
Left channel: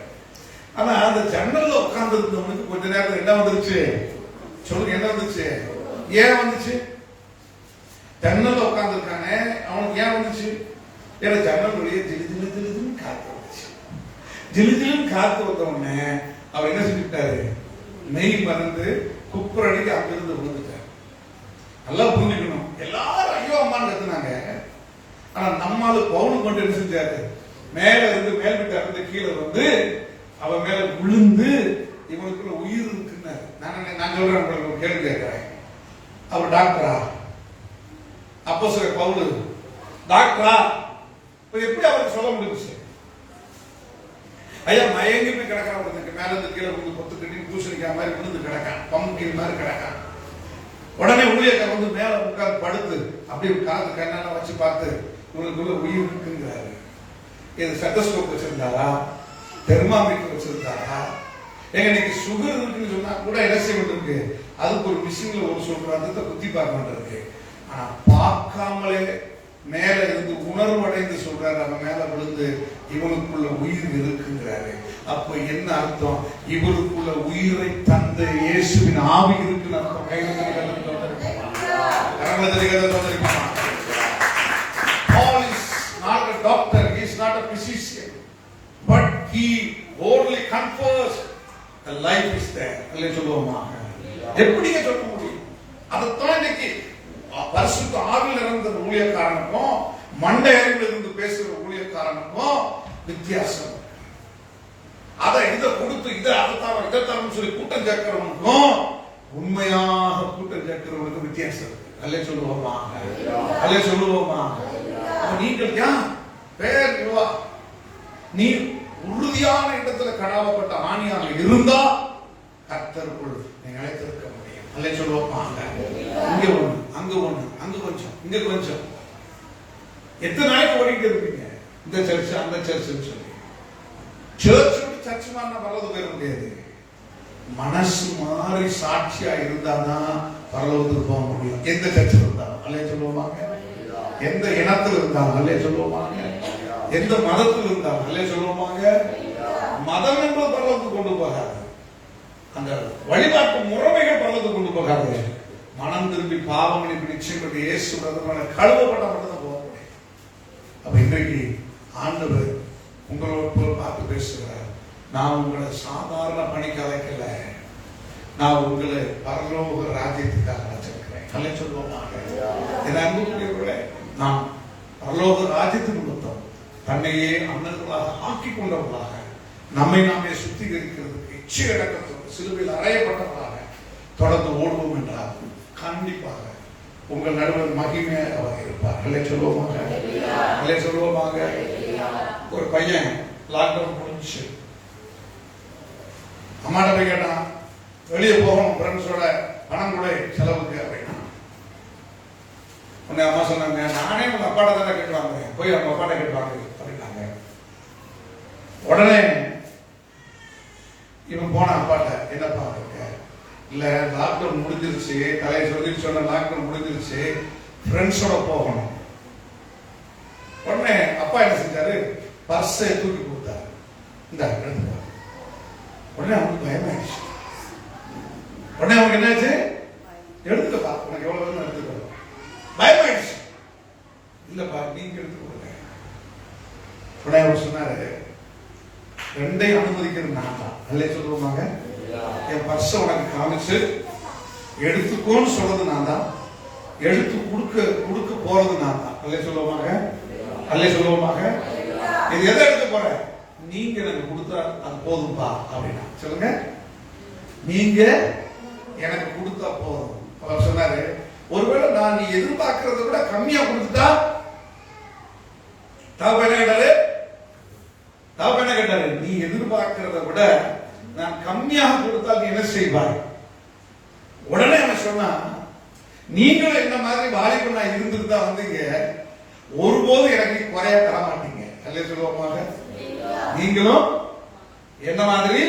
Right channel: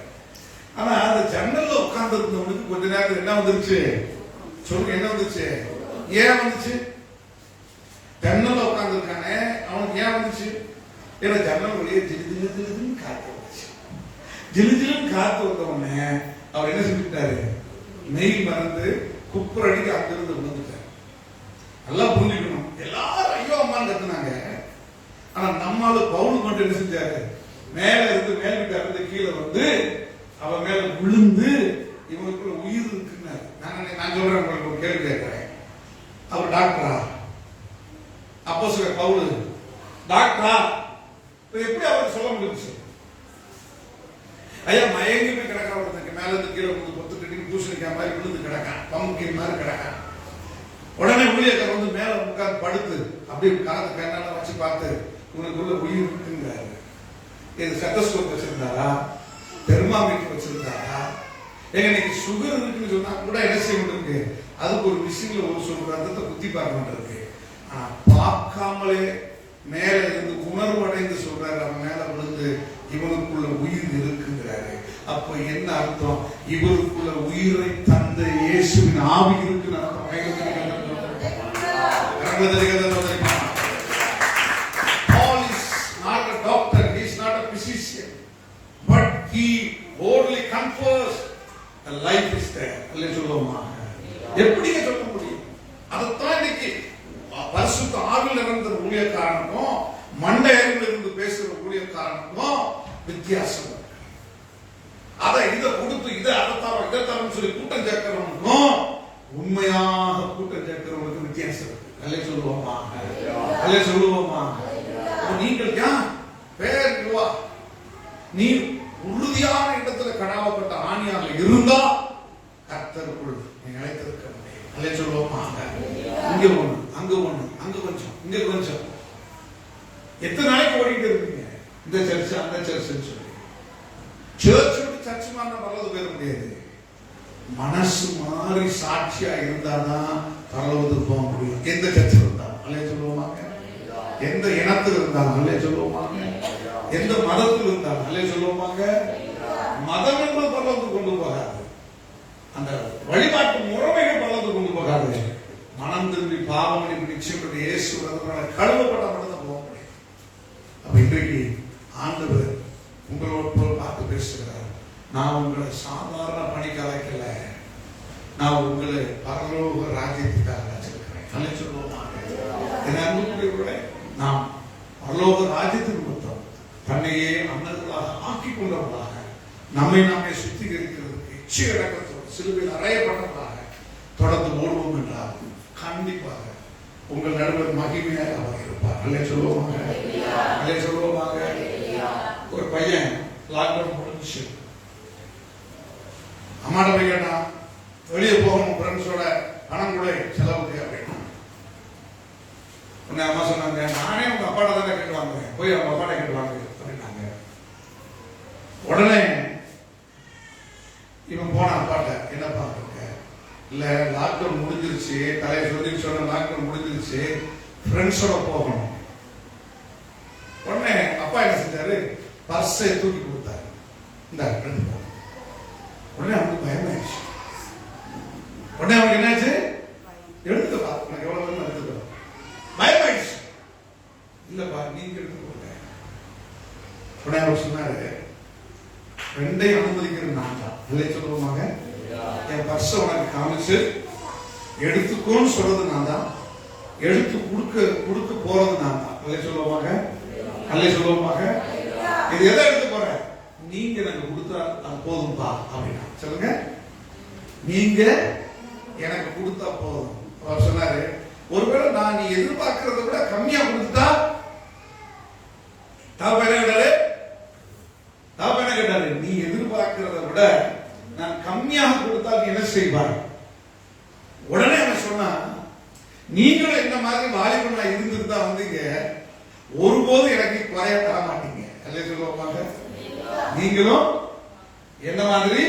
ஆனா அந்த ஜன்னல்ல உட்கார்ந்து இருந்தவனுக்கு கொஞ்ச நேரம் என்ன வந்துருச்சு? சொல்லுங்க, என்ன வந்துச்சு? ஏன் வந்துச்சு? ஜன்னல்ல உட்கார்ந்து இருக்கானே அவனுக்கு ஏன் வந்துச்சு? ஏன்னா ஜன்னல் வழியே ஜிலு ஜிலு ஜிலுன்னு காத்து வந்துச்சு. ஜிலு ஜிலுன்னு காத்து வந்தவொடனே அவர் என்ன செஞ்சுட்டாரு? மெய் மறந்து குப்புரடிக்கு அங்கிருந்து விழுந்துட்டார். நல்லா புரிஞ்சுக்கணும். எல்லாரும் ஐயோ அம்மான்னு கத்துனாங்க. ஆனா நம்மால பவுல் கொண்டு என்ன செஞ்சாரு? மேல இருந்து மேல் வீட்டை இருந்து கீழே வந்து அவன் மேல விழுந்து இவனுக்குள்ள உயிர் இருக்குன்னு நான் சொல்றேன். உங்களுக்கு ஒரு கேள்வி கேட்கிறேன். அவர் டாக்டரா? அப்போஸ்தலர் பவுல் டாக்டரா? இப்ப எப்படி அவருக்கு சொல்ல முடிஞ்சுச்சு? ஐயா மயங்கி போய் கிடக்கான், ஒருத்தருக்கு மேல இருந்து கீழே விழுந்து பொத்து கட்டி பூசணிக்காய் மாதிரி விழுந்து கிடக்கான், பம்புக்கின் மாதிரி கிடக்கான். உடனே ஊழியக்காரர் வந்து மேல உட்கார்ந்து படுத்து அப்படியே காது கண்ணால வச்சு பார்த்து உனக்குள்ள உயிர் இருக்குங்கிறாரு. இது ஸ்டெத்தஸ்கோப் வச்சிருந்தாரா? தெர்மாமீட்டர் வச்சிருந்தாரா? எங்க நீங்க சுகர் இருக்குன்னு சொன்னா கூட என்ன செய்ய இருக்கு, அதுக்கு ஒரு மிஷின்ல ஒரு சொல்ற அந்த குத்தி பார்க்க இருக்கு. ஆனா பார்க்காமலே மேல இருந்து உணர்வடைந்து சொல்றாரு, அவன் மேல விழுந்து இவனுக்குள்ள உயிர் இருக்குங்கிறாரு. அப்ப என்ன அர்த்தம்? இவருக்குள்ள உயிரை தந்த இயேசுவின் ஆவி இருக்குன்னு அர்த்தம். Paul is not a doctor, he is not a physician, but he boldly confessed the life is there. அல்லே சொல்லுவோமா? எப்படிங்க சொல்ல முடியும்? அதைத்தான் இன்னைக்கு பரிசுத்த ஆவியில் இருந்த ஊழியக்காரனுக்கும் மண்டையில் இருந்து பேசுற ஊழியக்காரனுக்கும் வித்தியாசம். அதை இதை கொடுத்து இதைத்தான் சொல்லி கூட்டம் சேர்க்கிறவனுக்கும் உண்மையாக கூட்டம் சேர்க்கிறவனுக்கு வித்தியாசம் இருக்கு. அல்லே சொல்லுவோமா? அல்லே சொல்லுவோமா? நீங்கள் ஏன் பேர் நீ உறுதியான இடத்துல கடாவப்பட்ட ஆணியாக இருந்தா கர்த்தருக்குள் நீ நிலைத்திருக்க முடியும். அல்லே சொல்லுவோமா? இங்க ஒண்ணு, அங்க ஒண்ணு, அங்க கொஞ்சம், இங்க கொஞ்சம். எத்தனை நாளைக்கு ஓடிட்டு இருப்பீங்க? இந்த சர்ச் அந்த சர்ச் சொல்லி சர்ச் விட்டு சர்ச் மாறின பரலோகத்துக்கு போயிட முடியாது. மனசு மாறி சாட்சியா இருந்தாதான் பரலோகத்துக்கு போக முடியும். எந்த சர்ச்சில் இருந்தாலும் அல்லே சொல்லுவாங்க, எந்த இனத்தில் இருந்தாலும் அல்லே சொல்லுவாங்க, எந்த மதத்தில் இருந்தாலும் அல்லே சொல்லுவாங்க. மதம் என்பது பரலோகத்துக்கு கொண்டு போகாது, அந்த வழிபாட்டு முறைமைகள் பரலோகத்துக்கு கொண்டு போகாது. மனம் திரும்பி பாவம் மன்னிப்பு நிச்சயம் இயேசு கழுவப்பட்ட மட்டும் தான் போக முடியும். அப்ப இன்றைக்கு ஆண்டவர் உங்களோட பார்த்து பேசுகிறார். நான் உங்களை சாதாரண பணிக்கு அழைக்கல, நான் உங்களை பரலோக ராஜ்யத்துக்காக அழைச்சிருக்கிறேன். அல்லே சொல்லுவோம். என் அன்புக்குரியவர்களே, நாம் பரலோக ராஜ்யத்துக்கு கொடுத்தோம். தன்னையே அன்னங்களாக ஆக்கி கொண்டவர்களாக நம்மை நாமே சுத்திகரிக்கிறதுக்கு இச்சை அடக்கத்தோடு சிலுவையில் அறையப்பட்டவர்களாக தொடர்ந்து ஓடுவோம் என்றால் கண்டிப்பாக உங்கள் நடுவர் மகிமையாக அவர் இருப்பார். அல்லே சொல்லுவோமாக? அல்லே சொல்லுவோமாக? ஒரு பையன் லாக்டவுன் முடிஞ்சு அம்மாட்ட போய் கேட்டான், வெளியே போகணும் ஃப்ரெண்ட்ஸோட பணம் கூட செலவுக்கு அப்படின்னா. உன்னை அம்மா சொன்னாங்க, நானே உங்க அப்பாட்ட தானே கேட்டுவாங்க, போய் அவங்க அப்பாட்ட கேட்டுவாங்க அப்படின்னாங்க. உடனே இவன் போன அப்பாட்ட, என்னப்பா இருக்க? இல்ல லாக்டவுன் முடிஞ்சிருச்சு, தலையை சொல்லி சொன்ன லாக்டவுன் முடிஞ்சிருச்சு, ஃப்ரெண்ட்ஸோட போகணும். உடனே அப்பா என்ன செஞ்சாரு, பர்ஸை தூக்கி கொடுத்தாரு, இந்த எடுத்துக்கோ. உடனே அவனுக்கு பயமாயிடுச்சு. உடனே அவனுக்கு என்னாச்சு, எடுத்துக்கப்பா, உனக்கு எவ்வளவு வேணும் எடுத்துக்கோ. பயமாயிடுச்சு. இல்லப்பா நீங்க எடுத்து கொடுங்க. உடனே அவர் சொன்னாரு, ரெண்டையும் அனுமதிக்கிறது நான் தான். அல்லே சொல்லுவாங்க, என் பர்ஸ உனக்கு காமிச்சு எடுத்துக்கோன்னு சொல்றது நான் தான், எடுத்து கொடுக்க போறது நான் தான். அல்லே சொல்லுவாங்க? அல்லே சொல்லுவாங்க? இது எதை எடுக்க போற? நீங்க எனக்கு கொடுத்தா அது போதும்பா அப்படின்னா. சொல்லுங்க, நீங்க எனக்கு கொடுத்தா போதும். அவர் சொன்னாரு, ஒருவேளை நான் நீ எதிர்பார்க்கறத விட கம்மியா கொடுத்துட்டா? என்ன கேட்டாரு, நீ எதிர்பார்க்கிறத விட நான் கம்மியாக கொடுத்தால் நீ என்ன செய்வாய்? உடனே அவன் சொன்னா, நீங்களும் என்ன மாதிரி வாலிபனா இருந்திருந்தா வந்தீங்க, ஒருபோதும் எனக்கு குறைய தர மாட்டீங்க. அல்லே சொல்லுவாங்க? நீங்களும் என்ன மாதிரி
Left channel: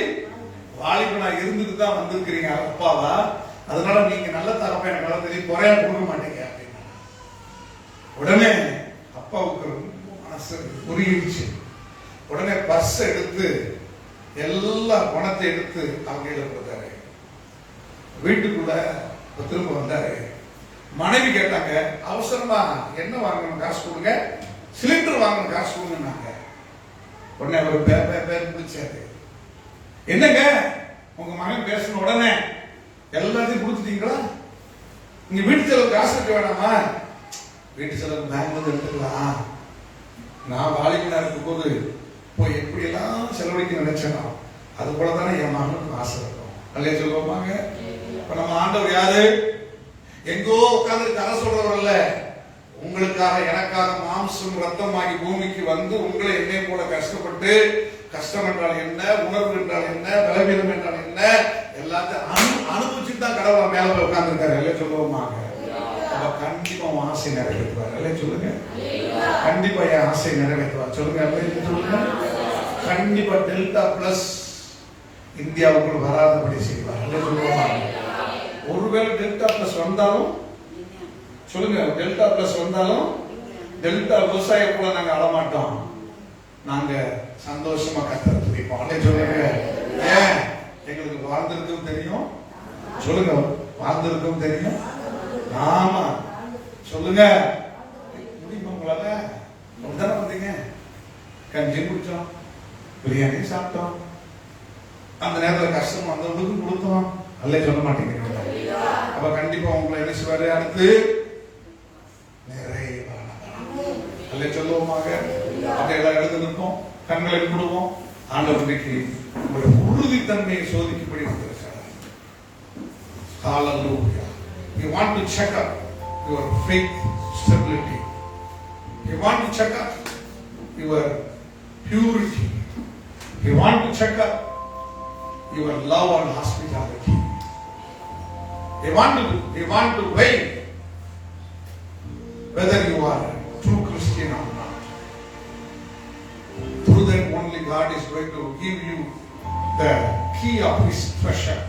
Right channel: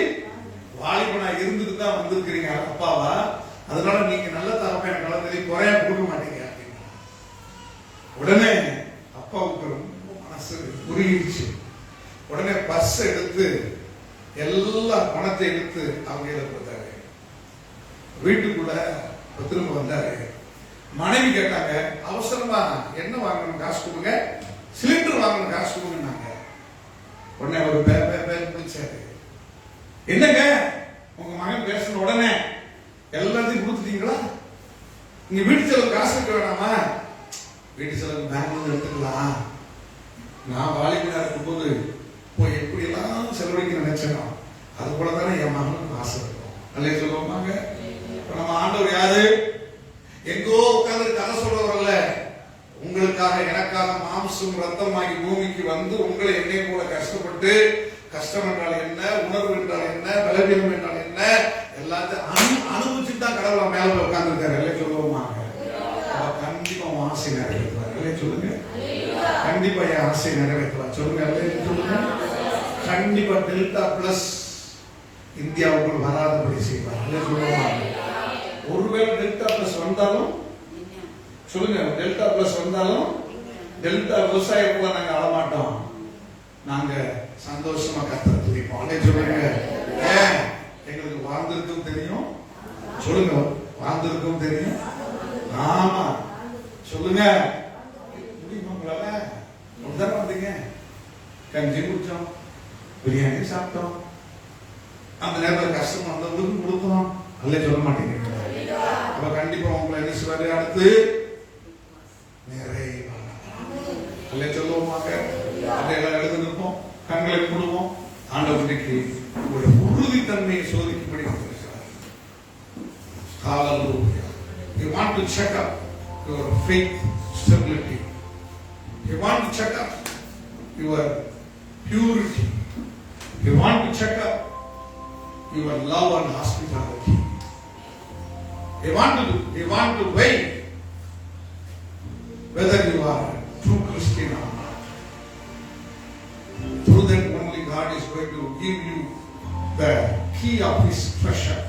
வாலிபனா இருந்துட்டு தான் வந்திருக்கிறீங்க அப்பாவா, அதனால நீங்க நல்ல தரமா எனக்கு வளர்ந்து குறைய கொடுக்க மாட்டீங்க அப்படின்னா. உடனே அப்பாவுக்கு மனசு உருகிடுச்சு. உடனே பர்ஸ் எடுத்து எல்லா பணத்தை எடுத்து அவங்க கொடுத்தாரு. வீட்டுக்குள்ள திரும்ப வந்தாரு. மனைவி கேட்டாங்க, அவசரமா என்ன வாங்கணும் காசு கொடுங்க, சிலிண்டர் வாங்கணும் காசு கொடுங்கன்னாங்க. உடனே ஒரு பேர் முடிச்சாரு. என்னங்க உங்க மகன் பேசணும், உடனே எல்லாத்தையும் கொடுத்துட்டீங்களா? நீங்க வீட்டு செலவு காசு கட்ட வேணாமா? வீட்டு செலவு பேங்க்ல எடுத்துக்கலாம். நான் வாலிபனா இருக்கும் போது போய் எப்படி எல்லாம் செலவழிக்க நினைச்சேன். அது போல தானே என் மகனுக்கு ஆசை இருக்கும். அல்லே சொல்லுவாங்க. இப்ப நம்ம ஆண்டவர் யாரு? எங்கோ உட்கார்ந்து கதை சொல்றவர் அல்ல. உங்களுக்காக எனக்காக மாம்சம் ரத்தமாகி பூமிக்கு வந்து உங்களை என்னை போல கஷ்டப்பட்டு, கஷ்டம் என்றால் என்ன, உணர்வு என்றால் என்ன, பலவீனம் என்றால் என்ன, எல்லாத்தையும் அனுபவிச்சுட்டு தான் கடவுள் மேல போய் உட்கார்ந்து இருக்காரு. அல்லே சொல்லுவோமாங்க. கண்டிப்பா உன் ஆசை நிறைவேற்றுவார். அல்லே சொல்லுங்க. கண்டிப்பா என் ஆசை நிறைவேற்றுவார். சொல்லுங்க. அல்லே சொல்லுங்க. கண்டிப்பா டெல்டா பிளஸ் இந்தியாவுக்குள் வராதபடி செய்வார். அல்லே சொல்லுவோமாங்க. ஒருவேளை டெல்டா பிளஸ் வந்தாலும் சொல்லுங்க, டெல்டா பிளஸ் வந்தாலும் டெல்டா விவசாய கூட நாங்க அழமாட்டோம். நாங்க சந்தோஷமா கர்த்தரை துதிப்போம். அல்லே சொல்லுங்க. ஏன்? எங்களுக்கு வாழ்ந்திருக்கும் தெரியும். சொல்லுங்க. வாழ்ந்திருக்கும் தெரியும். ஆமா சொல்லுங்க. முடியுமா உங்களால? தானே வந்தீங்க. கஞ்சி குடிச்சோம், பிரியாணி சாப்பிட்டோம், அந்த நேரத்தில் கஷ்டம் வந்தவங்களுக்கு கொடுத்தோம். அல்லே சொல்ல மாட்டேங்கிறீங்க. அப்ப கண்டிப்பா உங்களை என்ன செய்வாரு? அடுத்து நிறைய அல்லே சொல்லுவோமாக. அதையெல்லாம் எழுதி நிற்போம், கண்களை மூடுவோம். ஆண்டவருக்கு ஒரு உறுதித்தன்மையை சோதிக்கும்படி வந்திருக்கிறார். ஹalleluya. You want to check up your faith stability. You want to check up your purity. You want to check up your love and hospitality. You want to weigh whether you are a true Christian or not. Through that only God is going to give you the key of His treasure.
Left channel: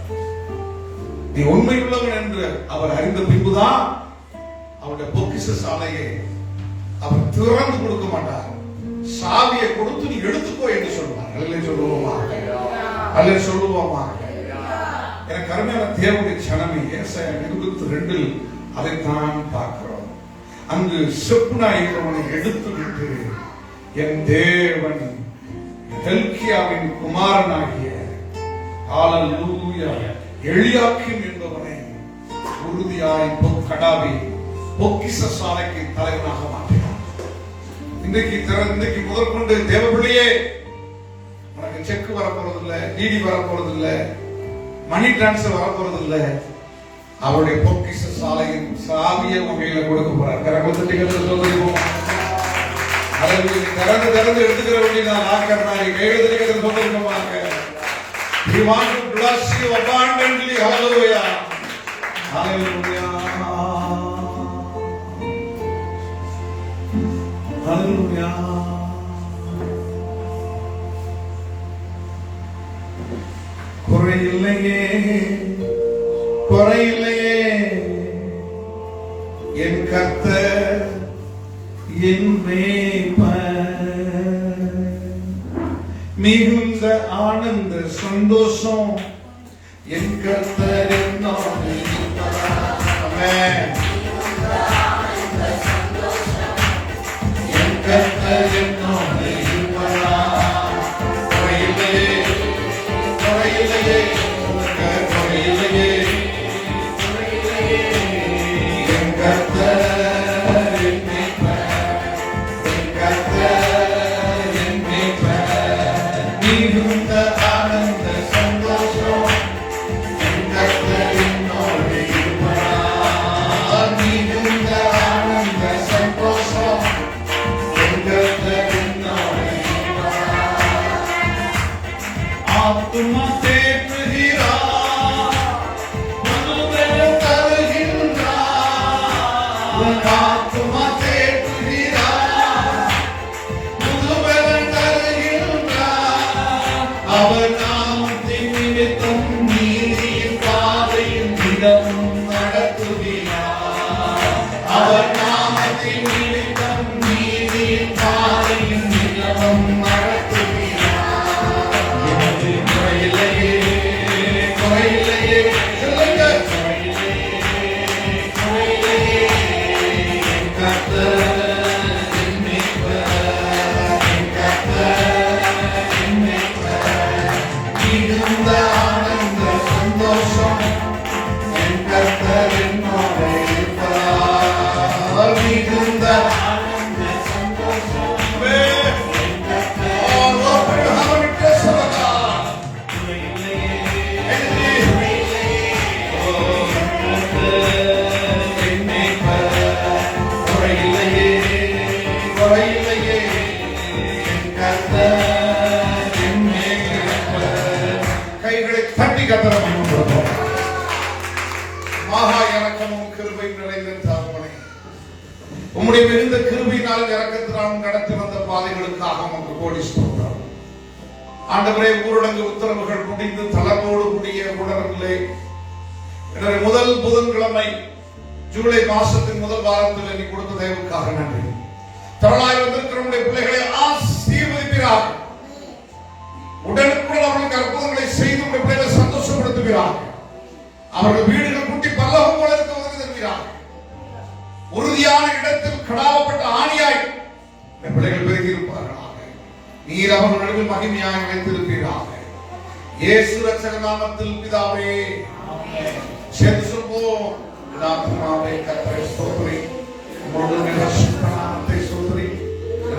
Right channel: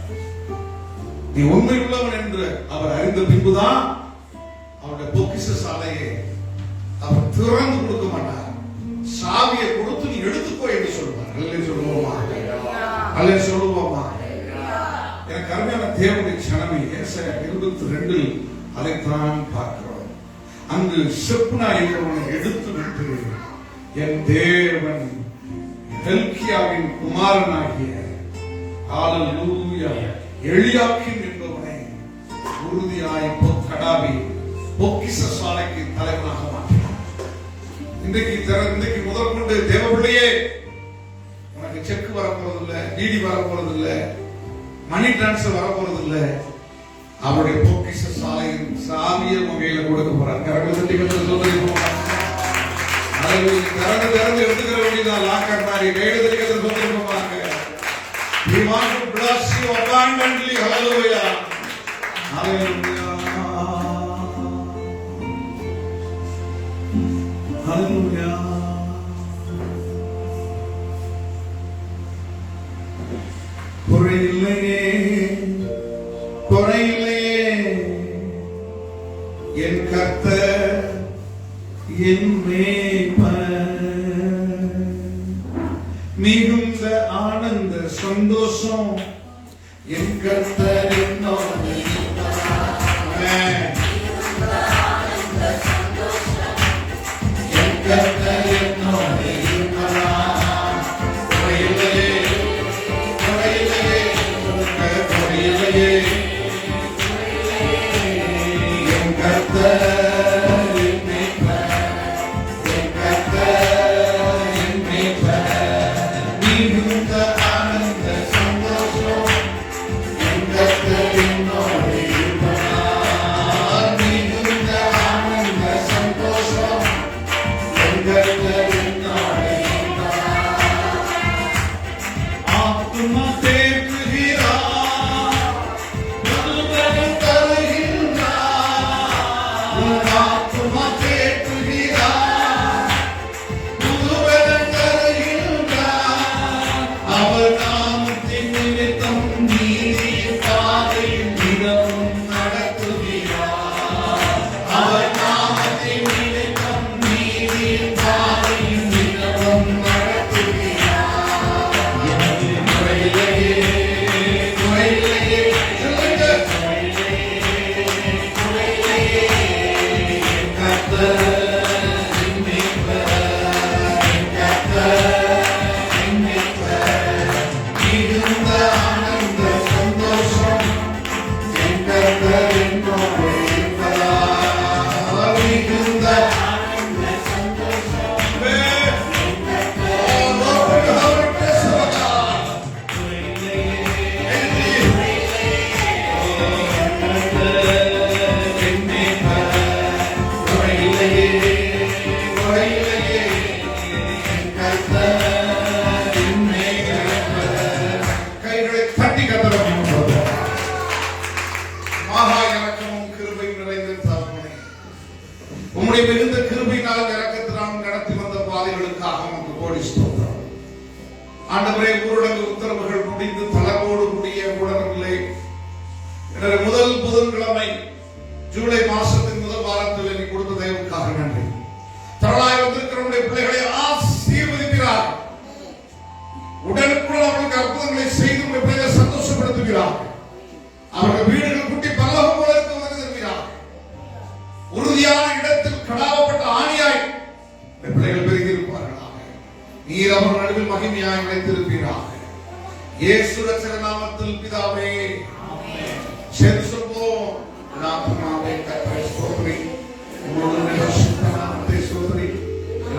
நீ உண்மை உள்ளவன் என்று அவர் அறிந்த பின்புதான் அவருடைய பொக்கிஷ சாலையை அவர் திறந்து கொடுக்க மாட்டார். சாவியை கொடுத்து நீ எடுத்துக்கோ என்று சொல்வார். அல்லே சொல்லுவோமா? அல்லே சொல்லுவோமா? எனக்கு அருமையான தேவனுடைய ஜனமே, ஏசாயா 22 அதைத்தான் பார்க்கிறோம். அங்கு செப்னா என்பவனை எடுத்து விட்டு என் தேவன் ஹெல்கியாவின் குமாரனாகிய ஹalleluya எலியாக்கிம் என்பவனை உறுதியாய் கடாவி பொக்கிஷ சாலைக்கு தலைவனாக மாற்றினார். இன்றைக்கு முதல் கொண்டு தேவபிள்ளையே, உனக்கு செக் வரப்போறது இல்ல, டிடி வரப்போறது இல்ல, மணி டிரான்ஸ்பர் வரப்போறது இல்ல. அவருடைய பொக்கிஷ சாலையின் சாவியை உங்க கையில கொடுக்க போறார். திறந்து எடுத்துக்கிற வேண்டியதான். லாக்கர்னாரி கையில் இருக்கிறது சொல்லிருப்பாங்க. He wants to bless you abundantly. Hallelujah. Hallelujah. Hallelujah. குறையில்லையே, குறையில்லையே என் கர்த்தர் என் மேய்ப்பர். மிகுந்த ஆனந்த சந்தோஷம் என் கர்த்தர் என்னோடு இருப்பார். என் கர்த்தர் என்னோடு இருப்பார். குறையில்லையே, குறையில்லையே, குறையில்லையே என் கர்த்தர் என் மேய்ப்பர். என் கர்த்தர் என் மேய்ப்பர். மிகுந்த ஆனந்த சந்தோஷம் என் கர்த்தர் என்னோடு இருப்பார். கோடி ஸ்தோத்திரம். ஆண்டவரே, ஊரடங்கு உத்தரவுகள் முடிந்து தளர்வோடு கூடிய ஊடகங்களே, எனவே முதல் புதன்கிழமை ஜூலை மாசத்தின் முதல் வாரத்தில் நீ கொடுத்த தயவுக்காக நன்றி. திரளாய் வந்திருக்கிற நம்முடைய பிள்ளைகளை ஆசீர்வதிக்கிறார். உடனுக்குடன் அவர்களுக்கு அற்புதங்களை செய்து நம்முடைய பிள்ளைகளை சந்தோஷப்படுத்துகிறார். அவர்கள் வீடுகள் குட்டி பல்லவம் போல இருக்க உதவி தருகிறார். உறுதியான இடத்தில் கடாவப்பட்ட ஆணியாய் பிள்ளைகள் பெருகி இருப்பார்களாக. நீர் அவர்கள் நடுவில் மகிமையாய் வைத்திருப்பீர்களாக. இயேசு ரட்சக நாமத்தில் பிதாவே, செல்லுவோம். நாமமே கர்த்தரை ஸ்தோத்திரி. உம்முடைய பரிசுத்த நாமத்தை ஸ்தோத்திரி.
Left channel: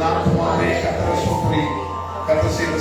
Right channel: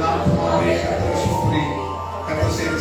நாமமே கர்த்தரை ஸ்தோத்திரி. கர்த்தர் செய்த